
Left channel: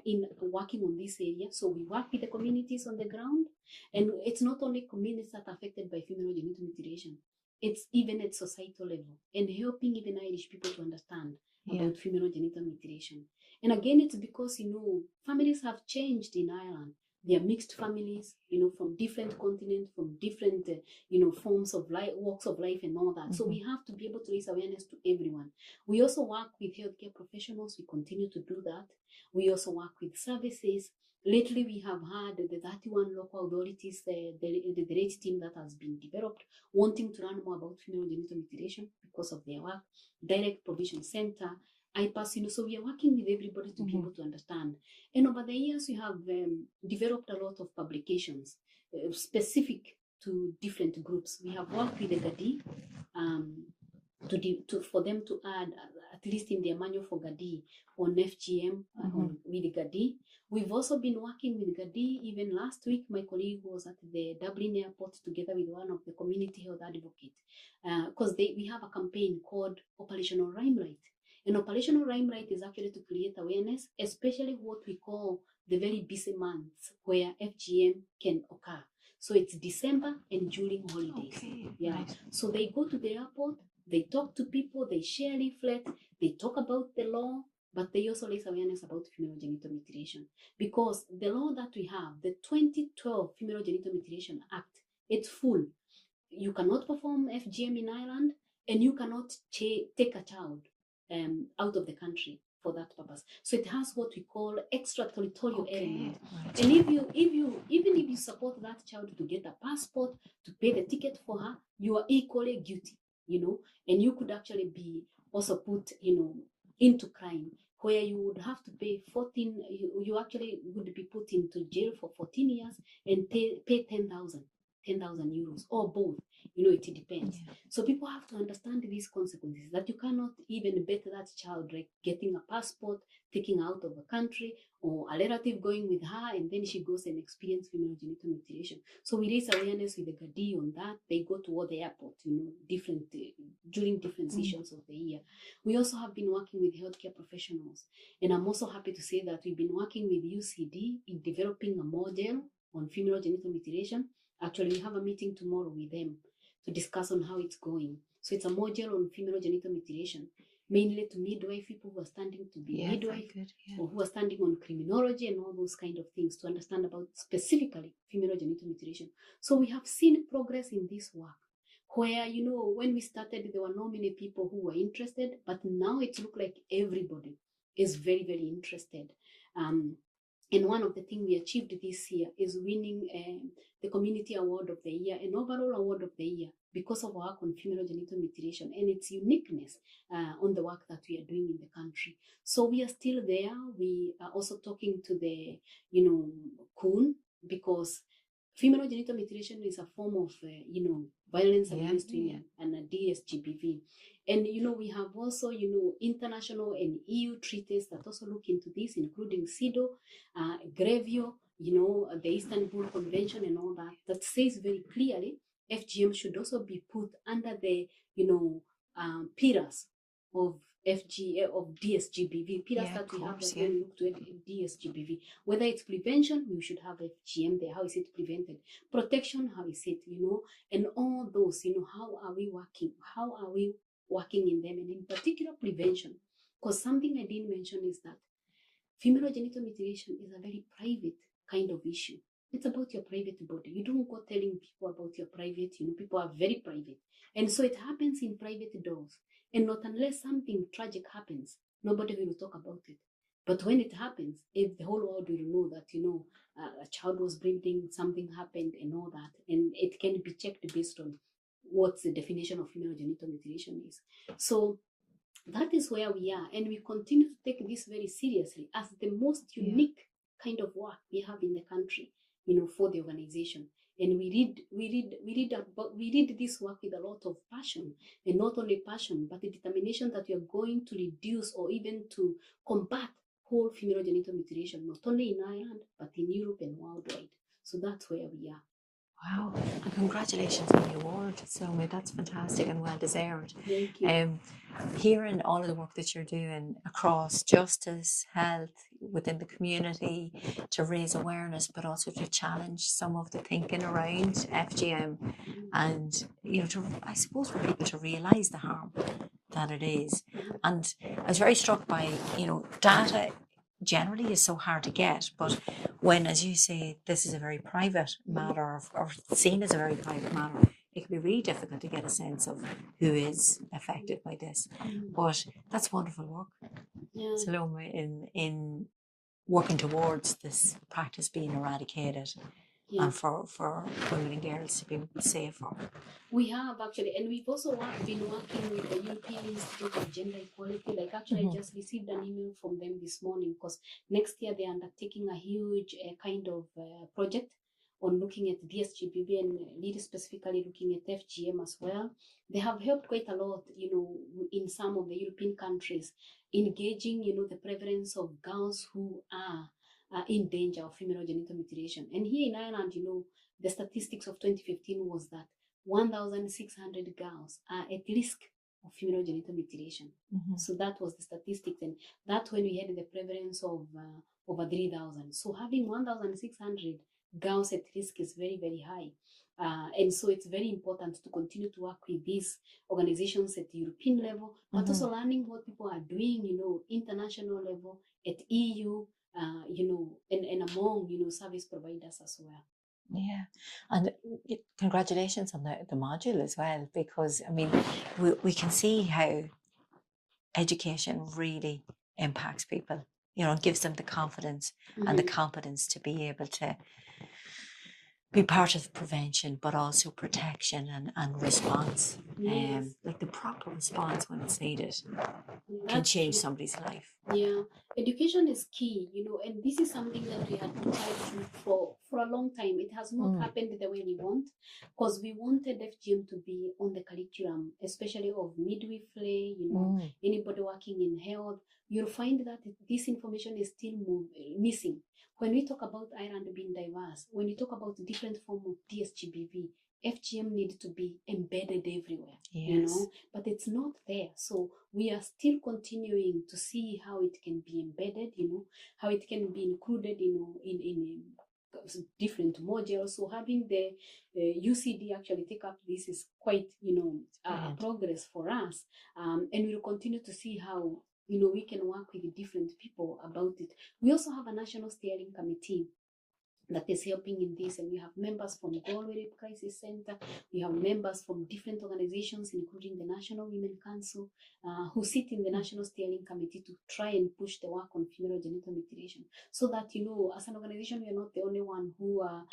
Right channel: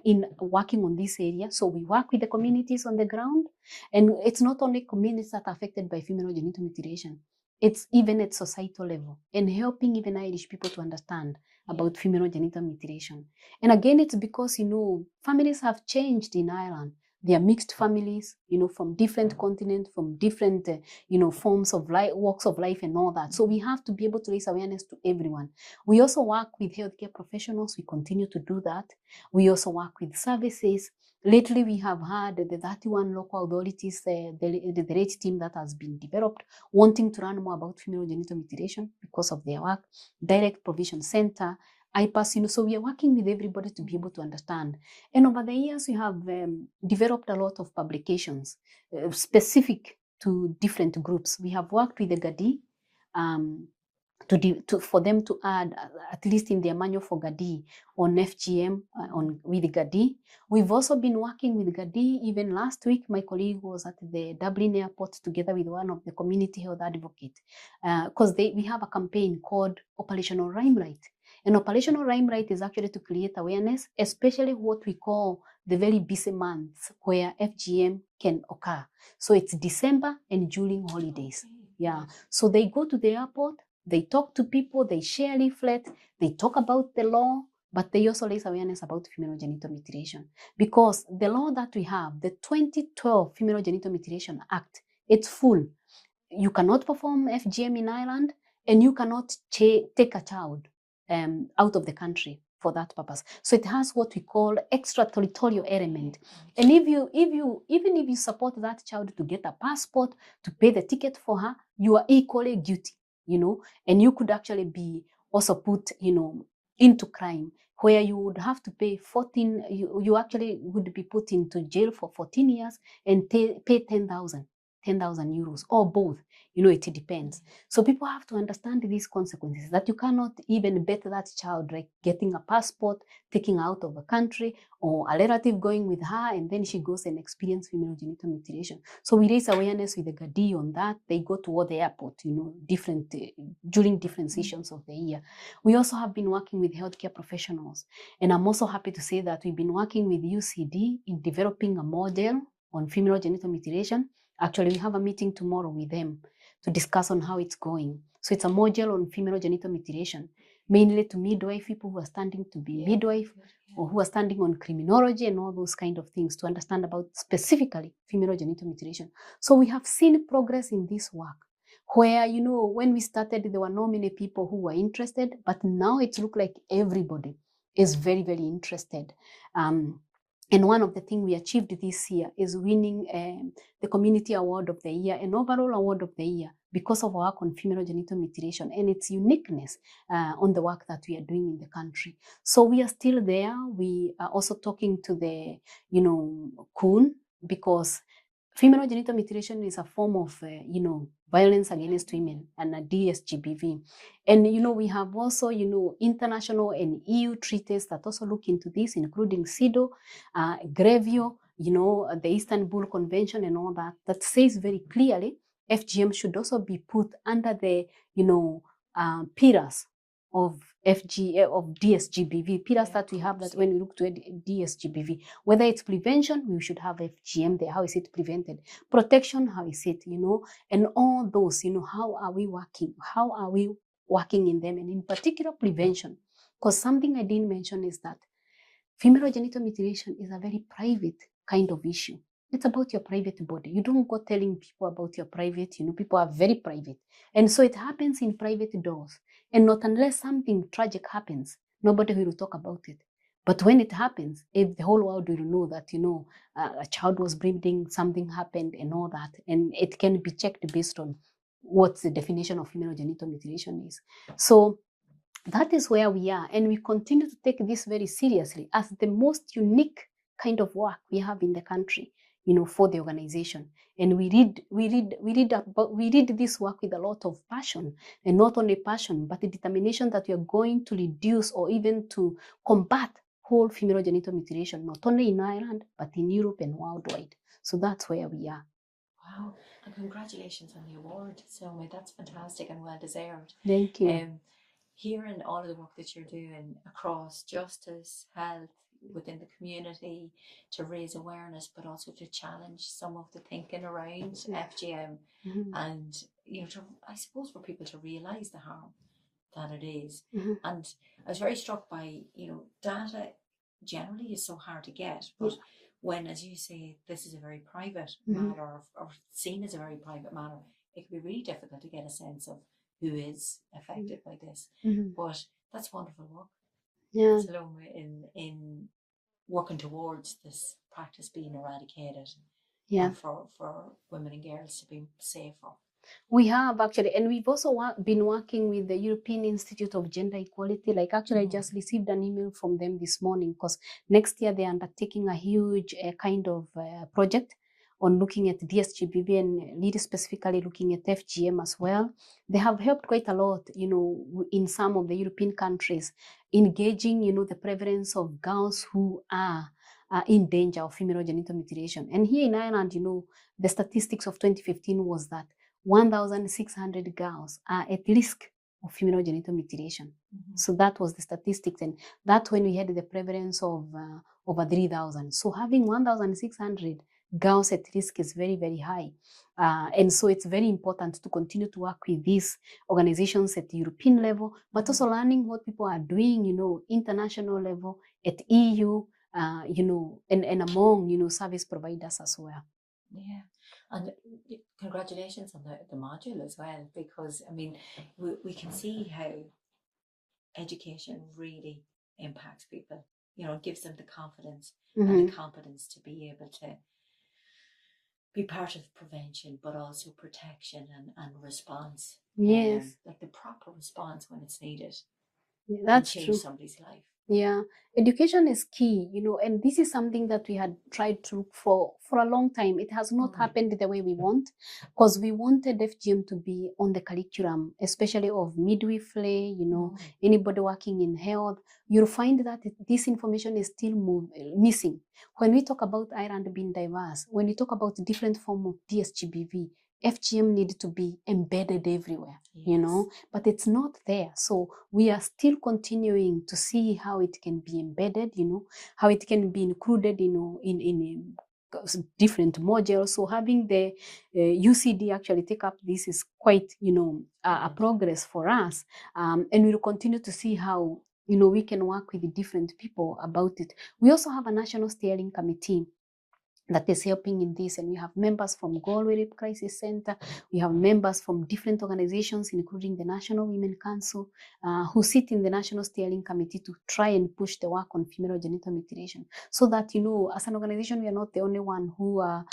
in working on this area. So we work with the communities on the ground. And it's not only communities that are affected by female genital mutilation. It's even at societal level, and helping even Irish people to understand about female genital mutilation. And again, it's because, families have changed in Ireland. They are mixed families, from different continents, from different, forms of life, walks of life and all that. So we have to be able to raise awareness to everyone. We also work with healthcare professionals. We continue to do that. We also work with services. Lately, we have had the 31 local authorities, the RATE team that has been developed, wanting to learn more about female genital mutilation because of their work, Direct Provision Center, IPAS, so we are working with everybody to be able to understand. And over the years, we have developed a lot of publications specific to different groups. We have worked with the GADI for them to add, at least in their manual for GADI, on FGM, with GADI. We've also been working with GADI. Even last week, my colleague was at the Dublin airport together with one of the community health advocates, because we have a campaign called Operational Limelight. And Operational Limelight is actually to create awareness, especially what we call the very busy months where FGM can occur. So it's December and during holidays. So they go to the airport, they talk to people, they share leaflets, they talk about the law, but they also raise awareness about female genital mutilation. Because the law that we have, the 2012 Female Genital Mutilation Act, it's full. You cannot perform FGM in Ireland, and you cannot take a child out of the country for that purpose. So it has what we call extraterritorial element. And even if you support that child to get a passport, to pay the ticket for her, you are equally guilty, and you could actually be also put, into crime, where you would have to pay 14, you actually would be put into jail for 14 years and pay 10,000 euros, or both. It depends. So people have to understand these consequences, that you cannot even bet that child, like getting a passport, taking her out of the country, or a relative going with her, and then she goes and experiences female genital mutilation. So we raise awareness with the GADI on that. They go toward the airport, during different sessions of the year. We also have been working with healthcare professionals. And I'm also happy to say that we've been working with UCD in developing a model on female genital mutilation. Actually, we have a meeting tomorrow with them to discuss on how it's going. So it's a module on female genital mutilation, mainly to midwife people who are standing to be midwife, or who are standing on criminology and all those kind of things, to understand about specifically female genital mutilation. So we have seen progress in this work, where, when we started, there were not many people who were interested, but now it looks like everybody is very, very interested. And one of the things we achieved this year is winning the Community Award of the Year and Overall Award of the Year because of our work on female genital mutilation and its uniqueness on the work that we are doing in the country. So we are still there. We are also talking to the, CUN, because female genital mutilation is a form of, violence against women, and a DSGBV. And, we have also, international and EU treaties that also look into this, including CEDAW, GREVIO, the Istanbul Convention and all that, that says very clearly FGM should also be put under the, pillars of DSGBV, pillars that we have, that when we look to DSGBV, whether it's prevention, we should have FGM there. How is it prevented? Protection, how is it, and all those, how are we working? How are we working in them? And in particular, prevention. Because something I didn't mention is that female genital mutilation is a very private kind of issue. It's about your private body. You don't go telling people about your private, people are very private. And so it happens in private doors. And not unless something tragic happens, nobody will talk about it. But when it happens, if the whole world will know that, a child was bleeding, something happened and all that, and it can be checked based on what the definition of female genital mutilation is. So that is where we are, and we continue to take this very seriously as the most unique kind of work we have in the country, for the organization. And we read this work with a lot of passion, and not only passion, but the determination that we are going to reduce or even to combat whole female genital mutilation, not only in Ireland, but in Europe and worldwide. So that's where we are. Wow, and congratulations on the award, Salome. That's fantastic and well deserved. Thank you. Hearing all of the work that you're doing across justice, health, within the community, to raise awareness, but also to challenge some of the thinking around FGM, and I suppose for people to realise the harm that it is. And I was very struck by data generally is so hard to get, but when, as you say, this is a very private matter, or seen as a very private matter, it can be really difficult to get a sense of who is affected by this. But that's wonderful work, Salome, in working towards this practice being eradicated. And for women and girls to be safer. We have actually, and we've also been working with the European Institute of Gender Equality. Like actually, I just received an email from them this morning, because next year they're undertaking a huge kind of project on looking at DSGBV and really specifically looking at FGM as well. They have helped quite a lot, in some of the European countries, engaging, the prevalence of girls who are in danger of female genital mutilation. And here in Ireland, the statistics of 2015 was that 1,600 girls are at risk of female genital mutilation. So that was the statistics, and that's when we had the prevalence of over 3,000. So having 1,600 girls at risk is very, very high. And so it's very important to continue to work with these organizations at the European level, but also learning what people are doing, international level, at EU, and among, service providers as well. Yeah, and congratulations on the module as well, because I mean, we can see how education really impacts people, and gives them the confidence and the competence to be able to be part of prevention, but also protection and response. Yes. Like the proper response when it's needed Can change somebody's life. Yeah, education is key, and this is something that we had tried to for a long time. It has not happened the way we want, because we wanted FGM to be on the curriculum, especially of midwifery, anybody working in health. You'll find that this information is still missing. When we talk about Ireland being diverse, when we talk about different form of DSGBV, FGM needs to be embedded everywhere, but it's not there. So we are still continuing to see how it can be embedded, how it can be included, in different modules. So having the UCD actually take up this is quite, a progress for us. And we'll continue to see how, we can work with different people about it. We also have a national steering committee that is helping in this, and we have members from Galway Rape Crisis Center. We have members from different organizations, including the National Women Council, who sit in the National Steering Committee to try and push the work on female genital mutilation, so that, as an organization, we are not the only one who are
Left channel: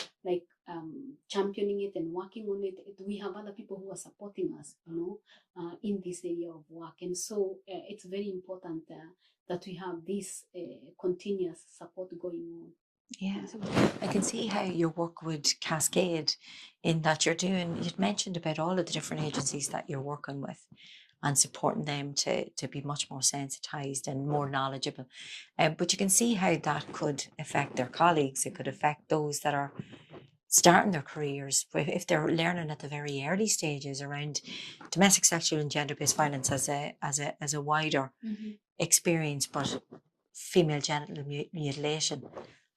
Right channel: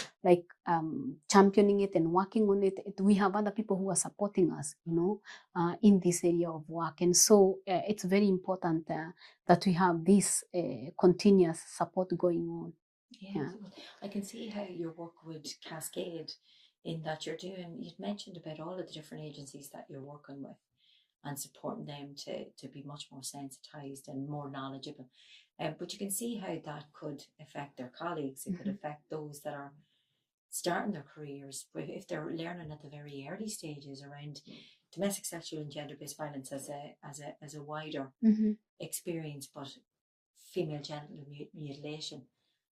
championing it and working on it. We have other people who are supporting us, in this area of work. And so it's very important that we have this continuous support going on. Yeah, I can see how your work would cascade, in that you'd mentioned about all of the different agencies that you're working with and supporting them to be much more sensitized and more knowledgeable. But you can see how that could affect their colleagues. It could affect those that are starting their careers, if they're learning at the very early stages around domestic, sexual and gender-based violence as a wider experience, but female genital mutilation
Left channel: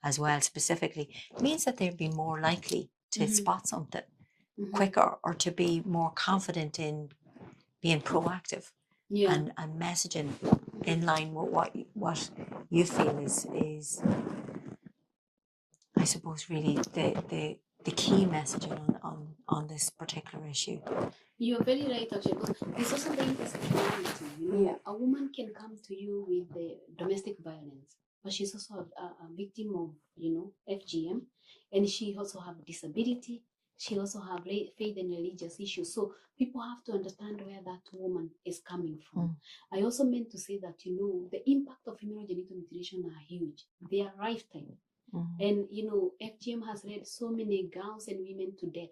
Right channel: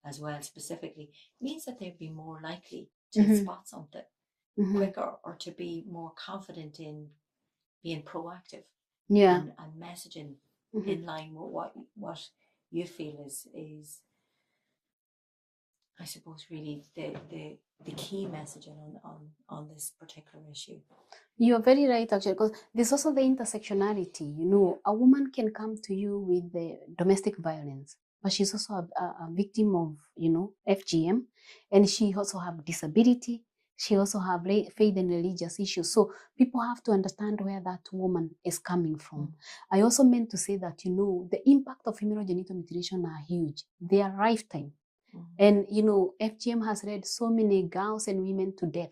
as well specifically, means that they'd be more likely to spot something quicker, or to be more confident in being proactive and messaging in line with what you feel is I suppose, really the key messaging on this particular issue. You're very right, actually, because there's also the intersectionality. You know, a woman can come to you with the domestic violence, but she's also a victim of, you know, FGM, and she also have disability. She also have faith and religious issues. So people have to understand where that woman is coming from. I also meant to say that, you know, the impact of female genital mutilation are huge. They are lifetime. And, you know, FGM has led so many girls and women to death.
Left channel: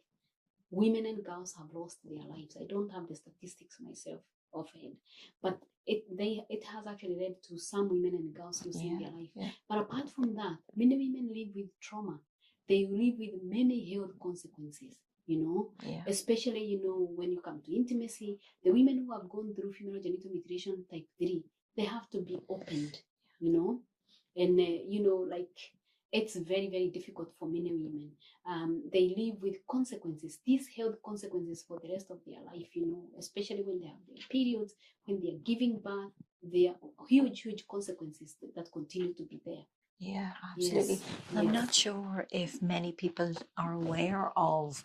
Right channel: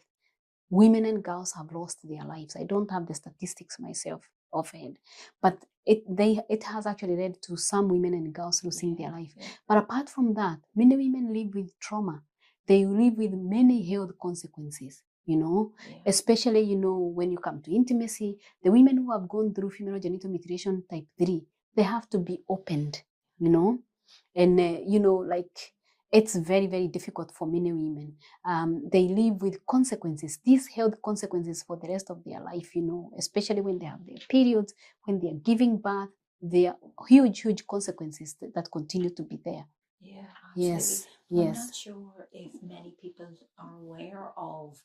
Women and girls have lost their lives. I don't have the statistics myself offhand, but it has actually led to some women and girls losing their life. But apart from that, many women live with trauma. They live with many health consequences, you know, especially, you know, when you come to intimacy, the women who have gone through female genital mutilation type 3, they have to be opened, you know, and, you know, like, it's very, very difficult for many women. They live with consequences, these health consequences for the rest of their life, you know, especially when they have their periods, when they are giving birth, there are huge, huge consequences that continue to be there. Yeah, absolutely. Yes. I'm not sure if many people are aware of,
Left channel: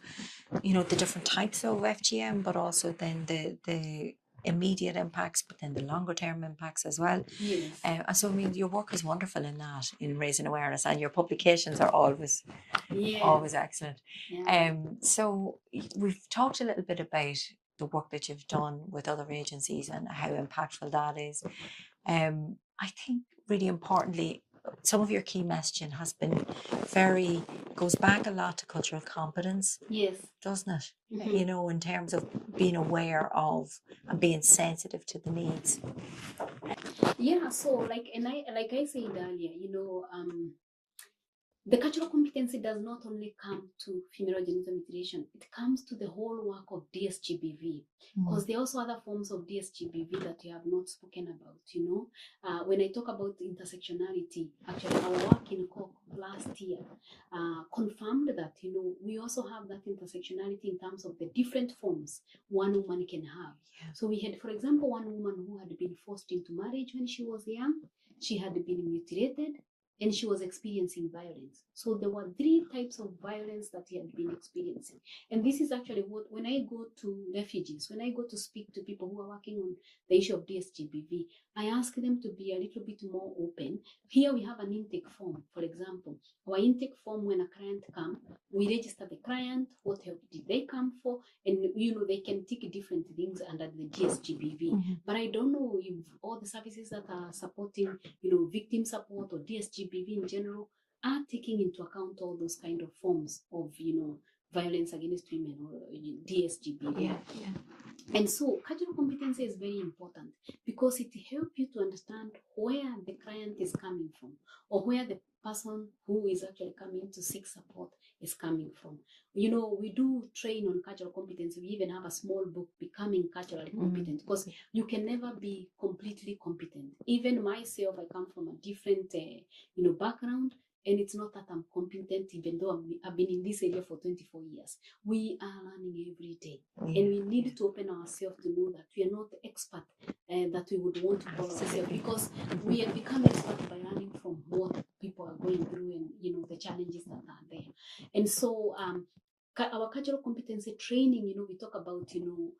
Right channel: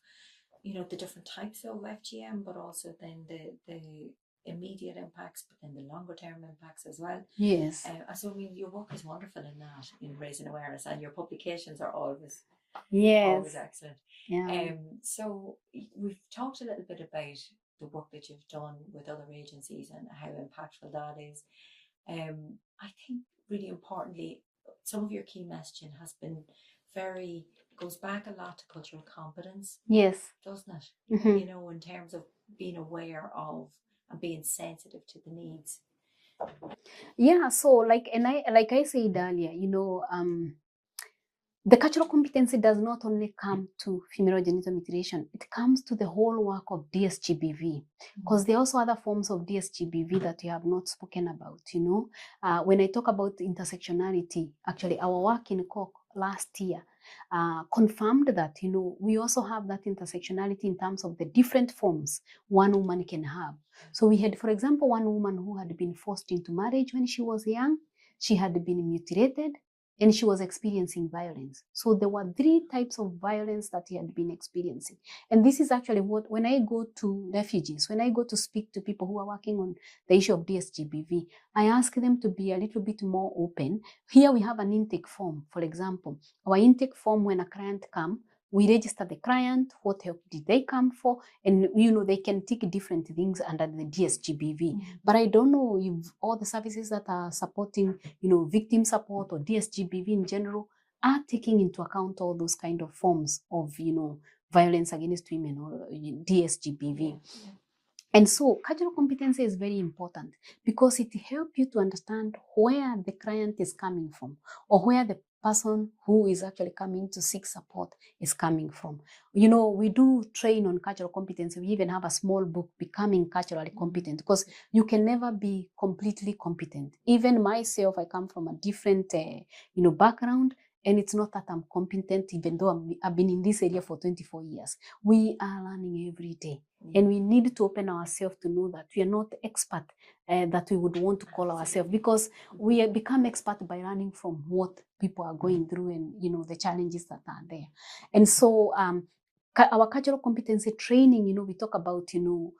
you know, the different types of FGM, but also then the immediate impacts, but then the longer term impacts as well. Yes. So I mean, your work is wonderful in that, in raising awareness, and your publications are always excellent. So we've talked a little bit about the work that you've done with other agencies and how impactful that is. I think really importantly, some of your key messaging has been goes back a lot to cultural competence. Yes. Doesn't it? You know, in terms of being aware of and being sensitive to the needs. Yeah, so like I said earlier, you know, the cultural competency does not only come to female genital mutilation, it comes to the whole work of DSGBV, because there are also other forms of DSGBV that you have not spoken about, you know. When I talk about intersectionality, actually our work in Cork last year confirmed that, you know, we also have that intersectionality in terms of the different forms one woman can have. So we had, for example, one woman who had been forced into marriage when she was young, she had been mutilated, and she was experiencing violence. So there were 3 types of violence that he had been experiencing. And this is actually what, when I go to refugees, when I go to speak to people who are working on the issue of DSGBV, I ask them to be a little bit more open. Here we have an intake form, for example. Our intake form, when a client comes, we register the client, what help did they come for, and, you know, they can tick different things under the DSGBV. But I don't know if all the services that are supporting, you know, victim support or DSGBV in general are taking into account all those kind of forms of, you know, violence against women or DSGBV. And so cultural competency is very important because it helps you to understand where the client is coming from or where the person who is actually coming to seek support is coming from. You know, we do train on cultural competency. We even have a small book, Becoming Culturally Competent, because you can never be completely competent. Even myself, I come from a different, you know, background. And it's not that I'm competent, even though I've been in this area for 24 years. We are learning every day. And we need to open ourselves to know that we are not expert that we would want to call ourselves, because we have become expert by learning from what people are going through and, you know, the challenges that are there. And so our cultural competency training, you know, we talk about, you know,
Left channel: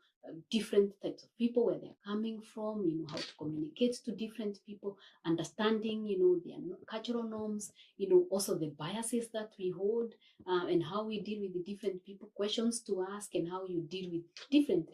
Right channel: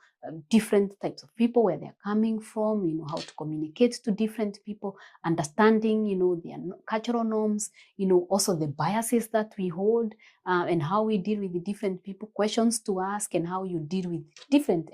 different types of people, where they're coming from, you know, how to communicate to different people, understanding, you know, their cultural norms, you know, also the biases that we hold, and how we deal with the different people, questions to ask, and how you deal with different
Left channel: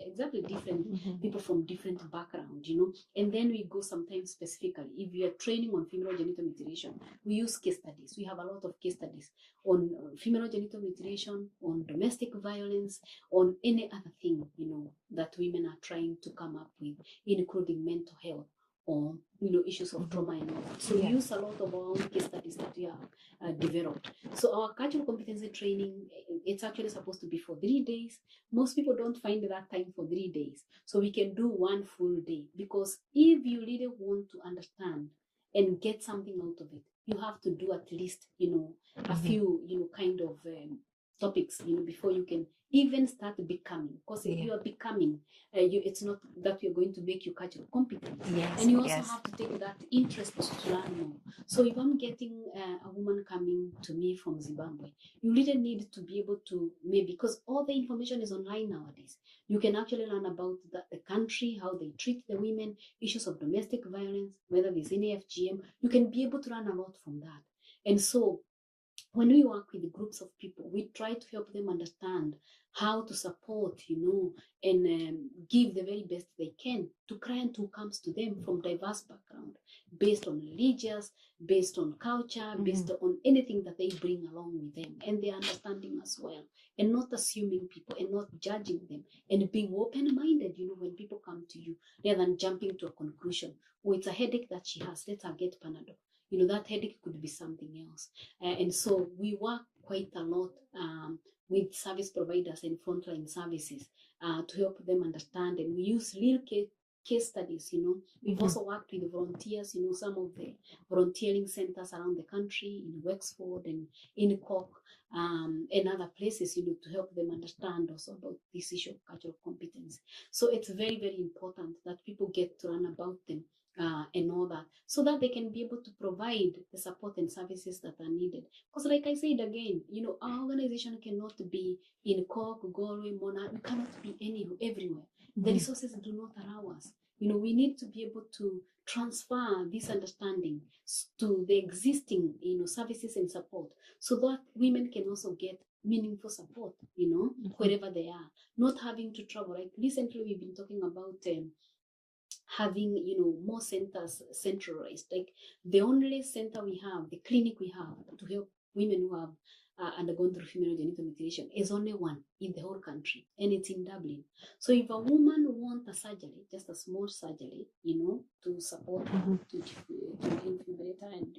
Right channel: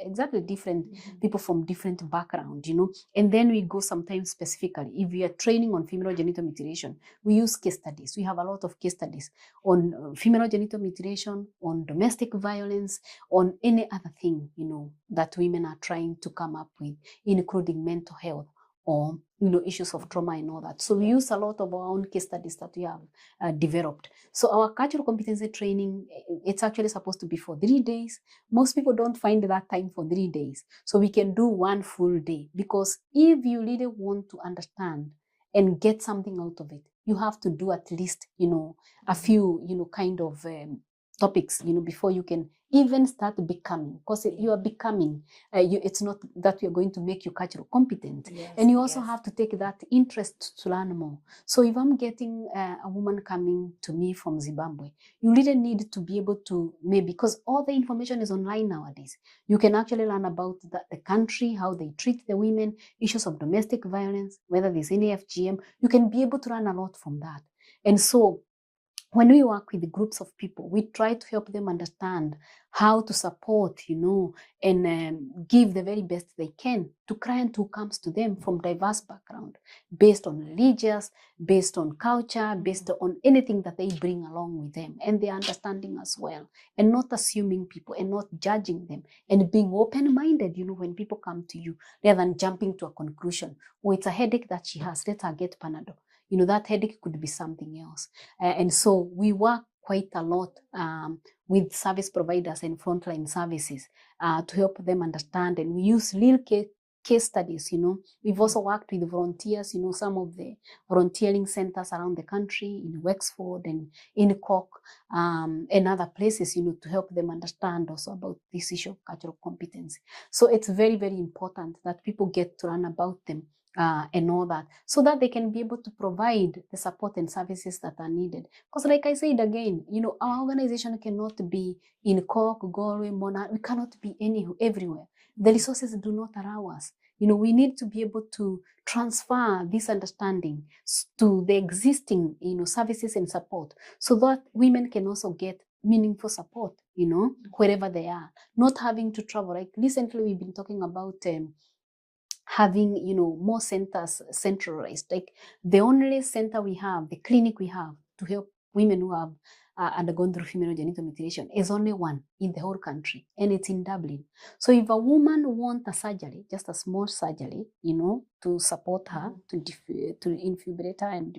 people from different backgrounds, you know. And then we go sometimes specifically, if we are training on female genital mutilation, we use case studies. We have a lot of case studies on female genital mutilation, on domestic violence, on any other thing, you know, that women are trying to come up with, including mental health or, you know, issues of trauma and all that. So we use a lot of our own case studies that we have developed. So our cultural competency training, it's actually supposed to be for 3 days. Most people don't find that time for 3 days. So we can do 1 full day, because if you really want to understand and get something out of it, you have to do at least, you know, a few, you know, kind of topics, before you can even start becoming, because you are becoming, it's not that we're going to make you cultural competent. Yes, And you also yes. have to take that interest to learn more. So if I'm getting a woman coming to me from Zimbabwe, you really need to be able to, maybe, because all the information is online nowadays, you can actually learn about the country, how they treat the women, issues of domestic violence, whether there's any FGM. You can be able to learn a lot from that. And so when we work with groups of people, we try to help them understand how to support, and give the very best they can to client who comes to them from diverse background, based on religious, based on culture, based on anything that they bring along with them, and their understanding as well, and not assuming people and not judging them, and being open-minded, when people come to you, rather than jumping to a conclusion. Oh, it's a headache that she has, let her get Panadol. That headache could be something else. And so we work quite a lot with service providers and frontline services to help them understand. And we use real case studies. We've also worked with volunteers, some of the volunteering centers around the country, in Wexford and in Cork, and other places, to help them understand also about this issue of cultural competence. So it's very, very important that people get to learn about them. And all that, so that they can be able to provide the support and services that are needed. Because like I said again, our organization cannot be in Cork, Galway, Monaghan. We cannot be everywhere. The resources do not allow us. We need to be able to transfer this understanding to the existing, services and support, so that women can also get meaningful support, wherever they are, not having to travel. Like recently, we've been talking about having, more centers centralized. Like the only center we have, the clinic we have to help women who have undergone through female genital mutilation is only one in the whole country, and it's in Dublin. So if a woman wants a surgery, just a small surgery, to support her, to infibulate her and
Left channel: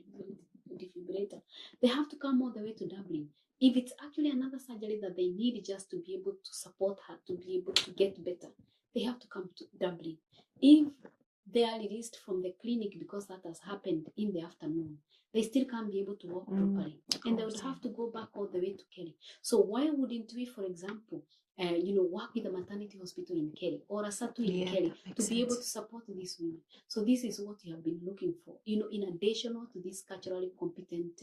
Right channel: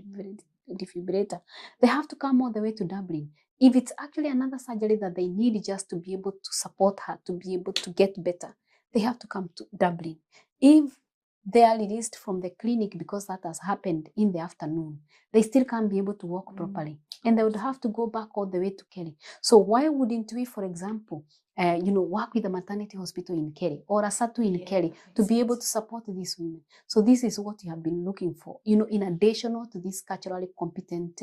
defibrillate her, they have to come all the way to Dublin. If it's actually another surgery that they need just to be able to support her, to be able to get better, they have to come to Dublin. If they are released from the clinic because that has happened in the afternoon, they still can't be able to walk properly, and they would have to go back all the way to Kerry. So why wouldn't we, for example, work with a maternity hospital in Kerry or a SATU in Kerry to be able to support these women? So this is what we have been looking for, in addition to this culturally competent,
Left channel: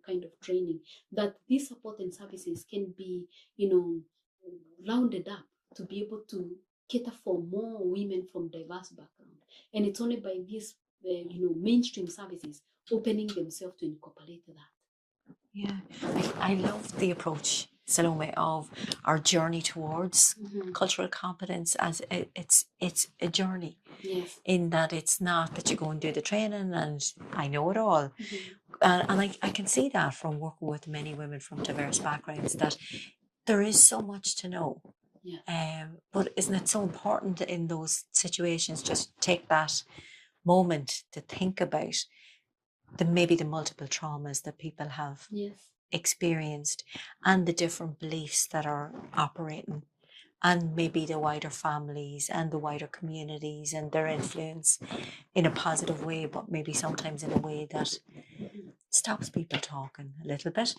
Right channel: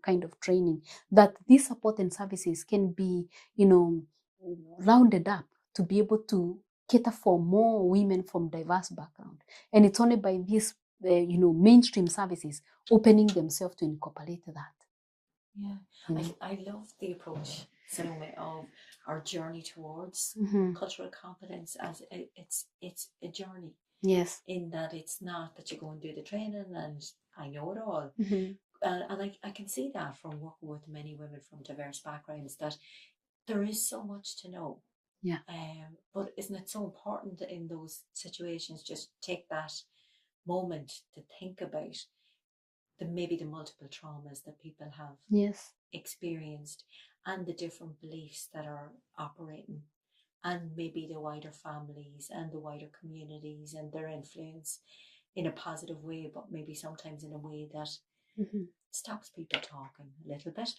kind of training, that these support and services can be, rounded up to be able to cater for more women from diverse background. And it's only by these, mainstream services opening themselves to incorporate that. Yeah, I love the approach, Salome, of our journey towards cultural competence, as it's a journey. Yes. In that it's not that you go and do the training and I know it all. And I can see that from working with many women from diverse backgrounds, that there is so much to know. Yeah. But isn't it so important in those situations, just take that moment to think about maybe the multiple traumas that people have experienced, and the different beliefs that are operating, and maybe the wider families and the wider communities and their influence in a positive way, but maybe sometimes in a way that stops people talking a little bit.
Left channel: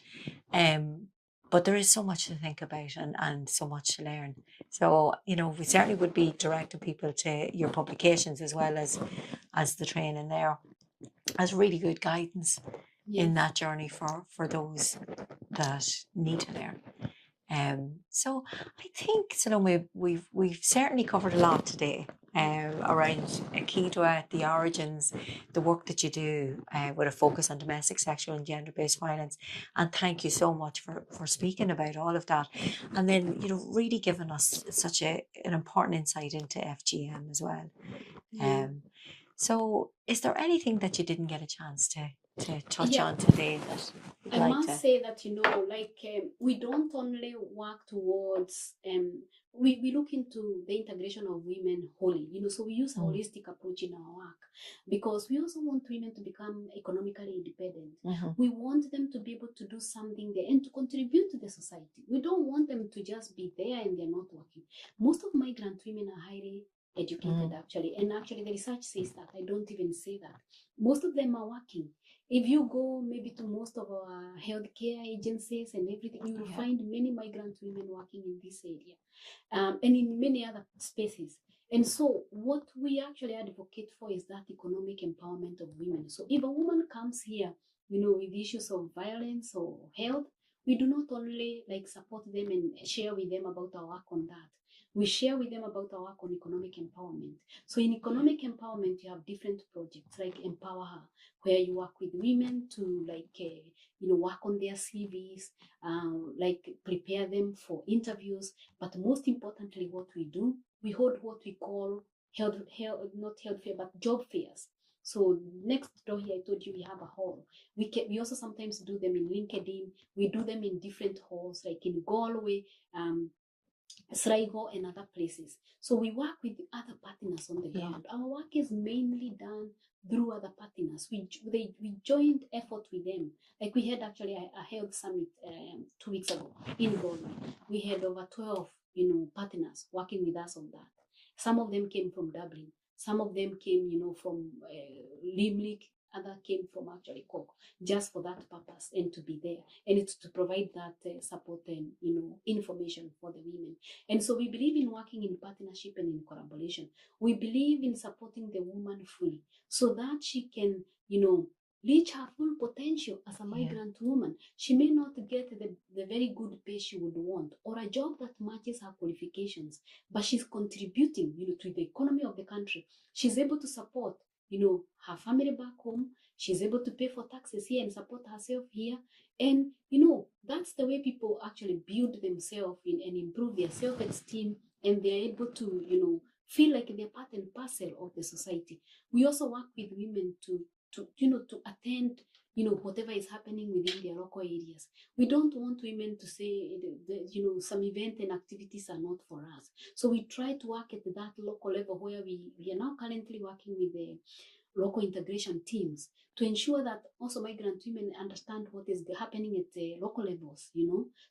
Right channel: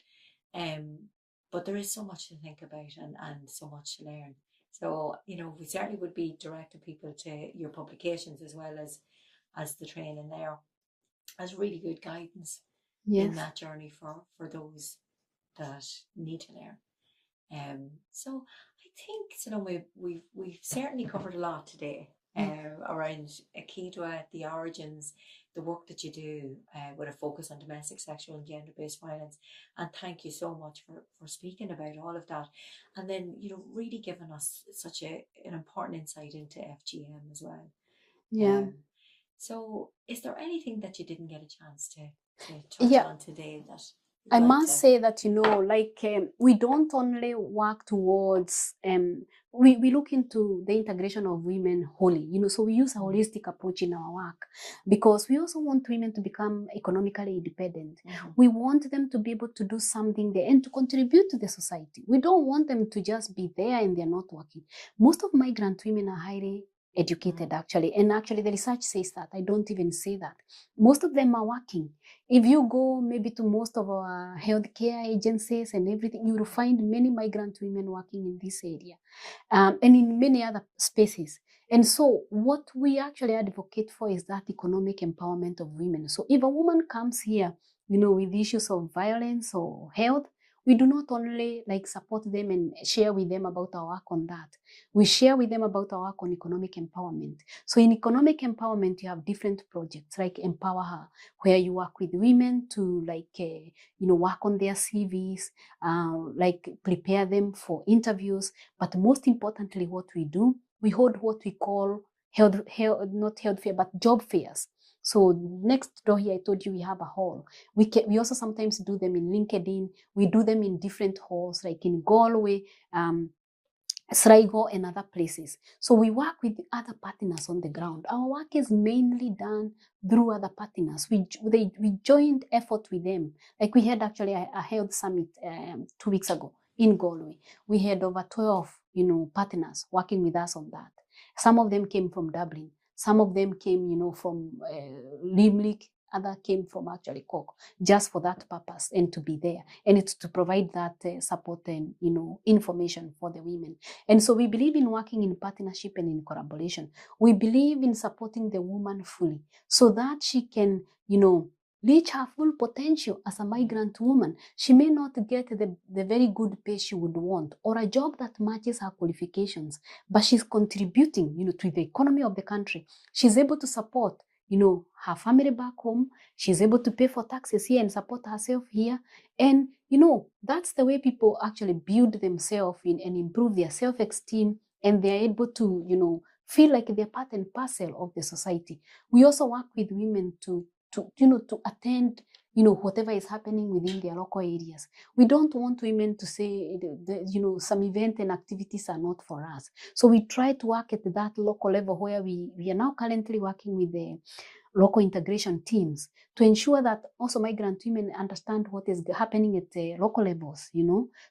But there is so much to think about and so much to learn. So, we certainly would be directing people to your publications as well as the training there, as really good guidance in that journey for those that need to learn. So I think, Salome, we've certainly covered a lot today around AkiDwA, the origins, the work that you do with a focus on domestic, sexual and gender-based violence. And thank you so much for speaking about all of that. And then, really giving us such an important insight into FGM as well. Yeah. So is there anything that you didn't get a chance to touch on today? That I must say that, we don't only work towards, we look into the integration of women wholly, so we use a holistic approach in our work, because we also want women to become economically independent. We want them to be able to do something there and to contribute to the society. We don't want them to just be there and they're not working. Most of migrant women are highly educated actually. And actually the research says that. I don't even say that. Most of them are working. If you go maybe to most of our healthcare agencies and everything, you will find many migrant women working in this area, and in many other spaces. And so what we actually advocate for is that economic empowerment of women. So if a woman comes here, with issues of violence or health, we do not only like support them and share with them about our work on that. We share with them about our work on economic empowerment. So in economic empowerment, you have different projects like Empower Her, where you work with women to work on their CVs, like prepare them for interviews. But most importantly, what we do, we hold what we call not health fair, but job fairs. So next door here, I told you we have a hall. We also sometimes do them in LinkedIn. We do them in different halls, like in Galway, Sligo, and other places. So we work with other partners on the ground. Our work is mainly done through other partners. We joined effort with them. Like we had actually a health summit 2 weeks ago in Galway. We had over 12, partners working with us on that. Some of them came from Dublin. Some of them came, from Limerick. Other came from actually Cork, just for that purpose and to be there. And it's to provide that support and, information for the women. And so we believe in working in partnership and in collaboration. We believe in supporting the woman fully so that she can, reach her full potential as a migrant woman. She may not get the very good pay she would want or a job that matches her qualifications, but she's contributing, to the economy of the country. She's able to support, her family back home. She's able to pay for taxes here and support herself here. And, that's the way people actually build themselves in and improve their self-esteem, and they're able to, feel like they're part and parcel of the society. We also work with women to attend, whatever is happening within their local areas. We don't want women to say, some event and activities are not for us. So we try to work at that local level where we are now currently working with the local integration teams to ensure that also migrant women understand what is happening at the local levels,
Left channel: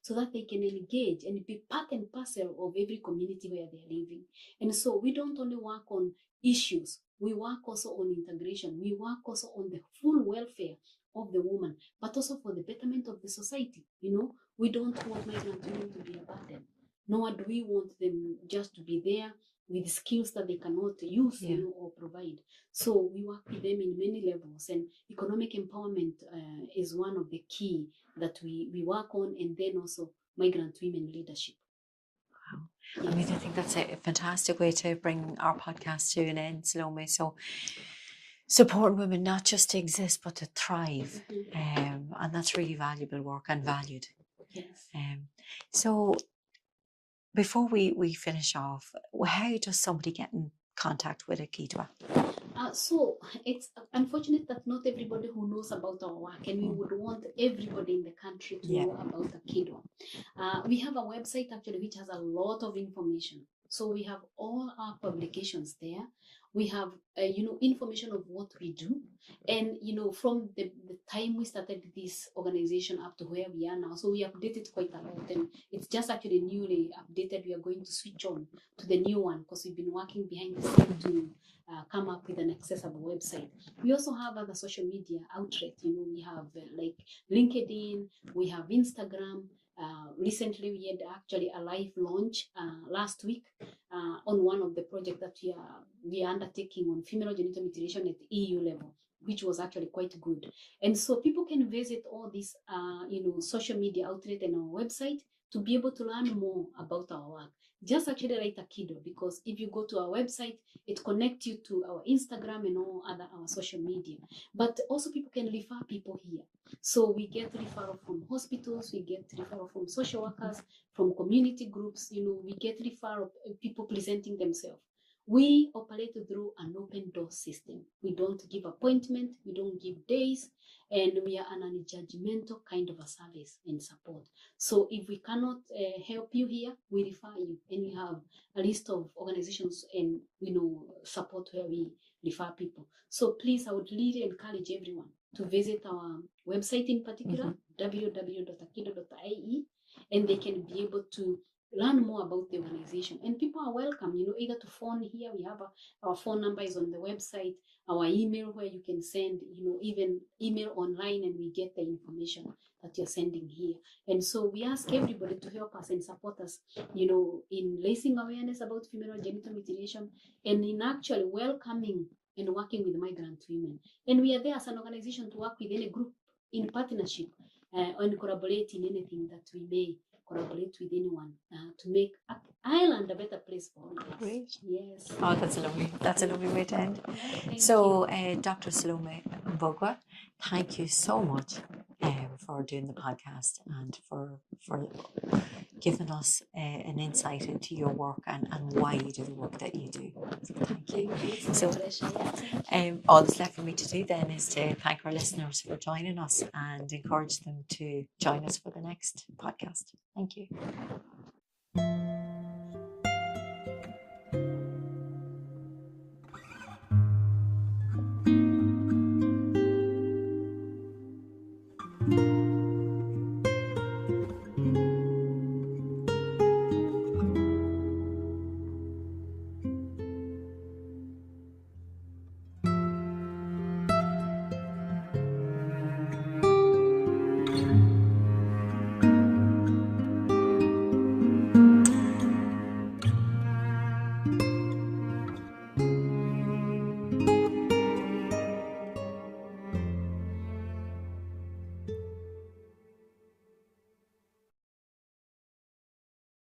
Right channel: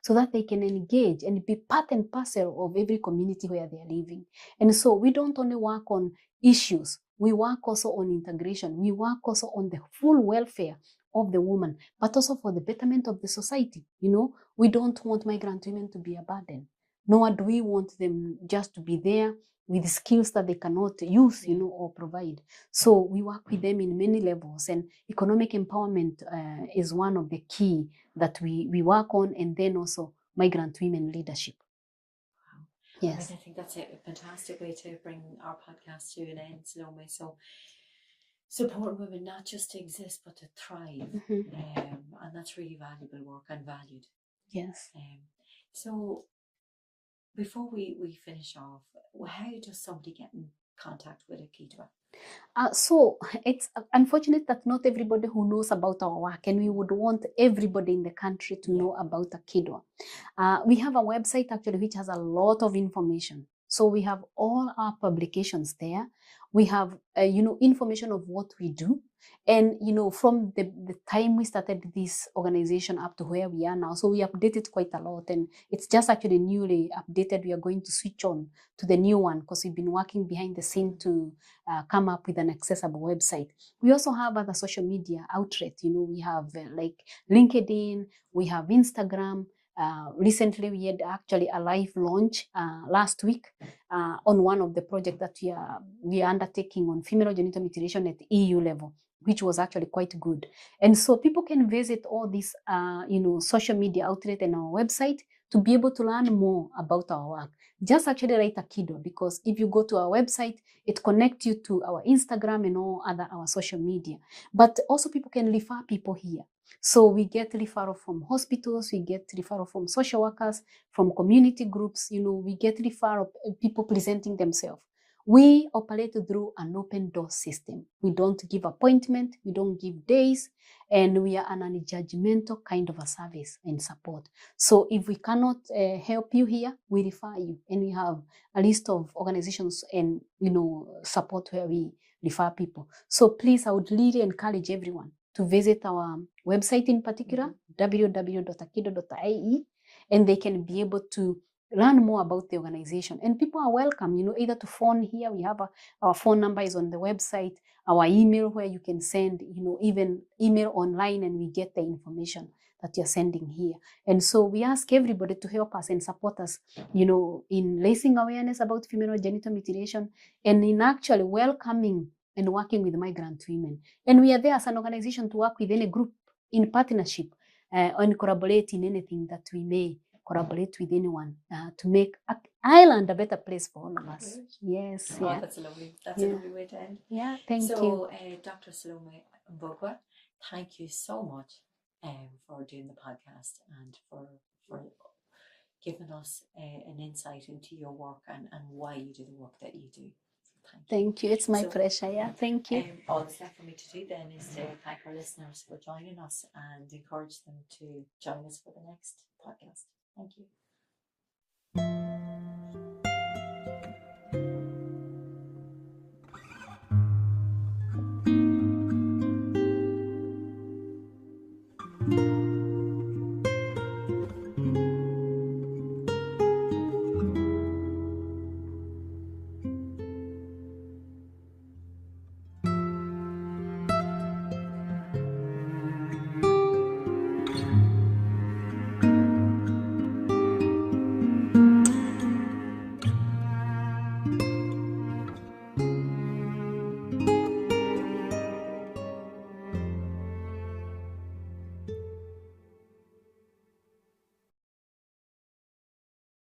so that they can engage and be part and parcel of every community where they are living. And so we don't only work on issues, we work also on integration. We work also on the full welfare of the woman, but also for the betterment of the society. We don't want migrant women to be a burden, nor do we want them just to be there with skills that they cannot use, or provide. So we work with them in many levels, and economic empowerment is one of the key that we work on, and then also migrant women leadership. Wow. Yes. I mean, I think that's a fantastic way to bring our podcast to an end, Salome. So support women not just to exist, but to thrive. And that's really valuable work and valued. Yes. So before we finish off, how does somebody get in contact with AkiDwA? So it's unfortunate that not everybody who knows about our work, and we would want everybody in the country to know about AkiDwA. We have a website actually which has a lot of information. So we have all our publications there. We have information of what we do, and from the time we started this organization up to where we are now. So we update it quite a lot, and it's just actually newly updated. We are going to switch on to the new one because we've been working behind the scene to come up with an accessible website. We also have other social media outlets. We have like LinkedIn, we have Instagram. Recently, we had actually a live launch last week on one of the projects that we are undertaking on female genital mutilation at EU level, which was actually quite good. And so people can visit all these, social media outlets and our website to be able to learn more about our work. Just actually write AkiDwA, because if you go to our website, it connects you to our Instagram and all our social media. But also people can refer people here. So we get referral from hospitals, we get referral from social workers, from community groups, we get referral people presenting themselves. We operate through an open door system. We don't give appointment, we don't give days, and we are an unjudgmental kind of a service and support. So if we cannot help you here, we refer you, and we have a list of organizations and support where we refer people. So please, I would really encourage everyone to visit our website in particular, www.akidwa.ie, and they can be able to learn more about the organization. And people are welcome, either to phone here. We have our phone number is on the website, our email where you can send, even email online, and we get the information that you're sending here. And so we ask everybody to help us and support us, in raising awareness about female genital mutilation and in actually welcoming and working with migrant women. And we are there as an organization to work with any group in partnership and collaborate in anything that we may collaborate with anyone to make Ireland a better place for all of us. Great. Yes. Oh, that's a lovely way to end. Yeah, thank you. So, Dr. Salome Mbugua, thank you so much for doing the podcast and for giving us an insight into your work and why you do the work that you do. So thank you. It's my pleasure. Yeah, thank you. All that's left for me to do then is to thank our listeners for joining us and encourage them to join us for the next podcast. Thank you.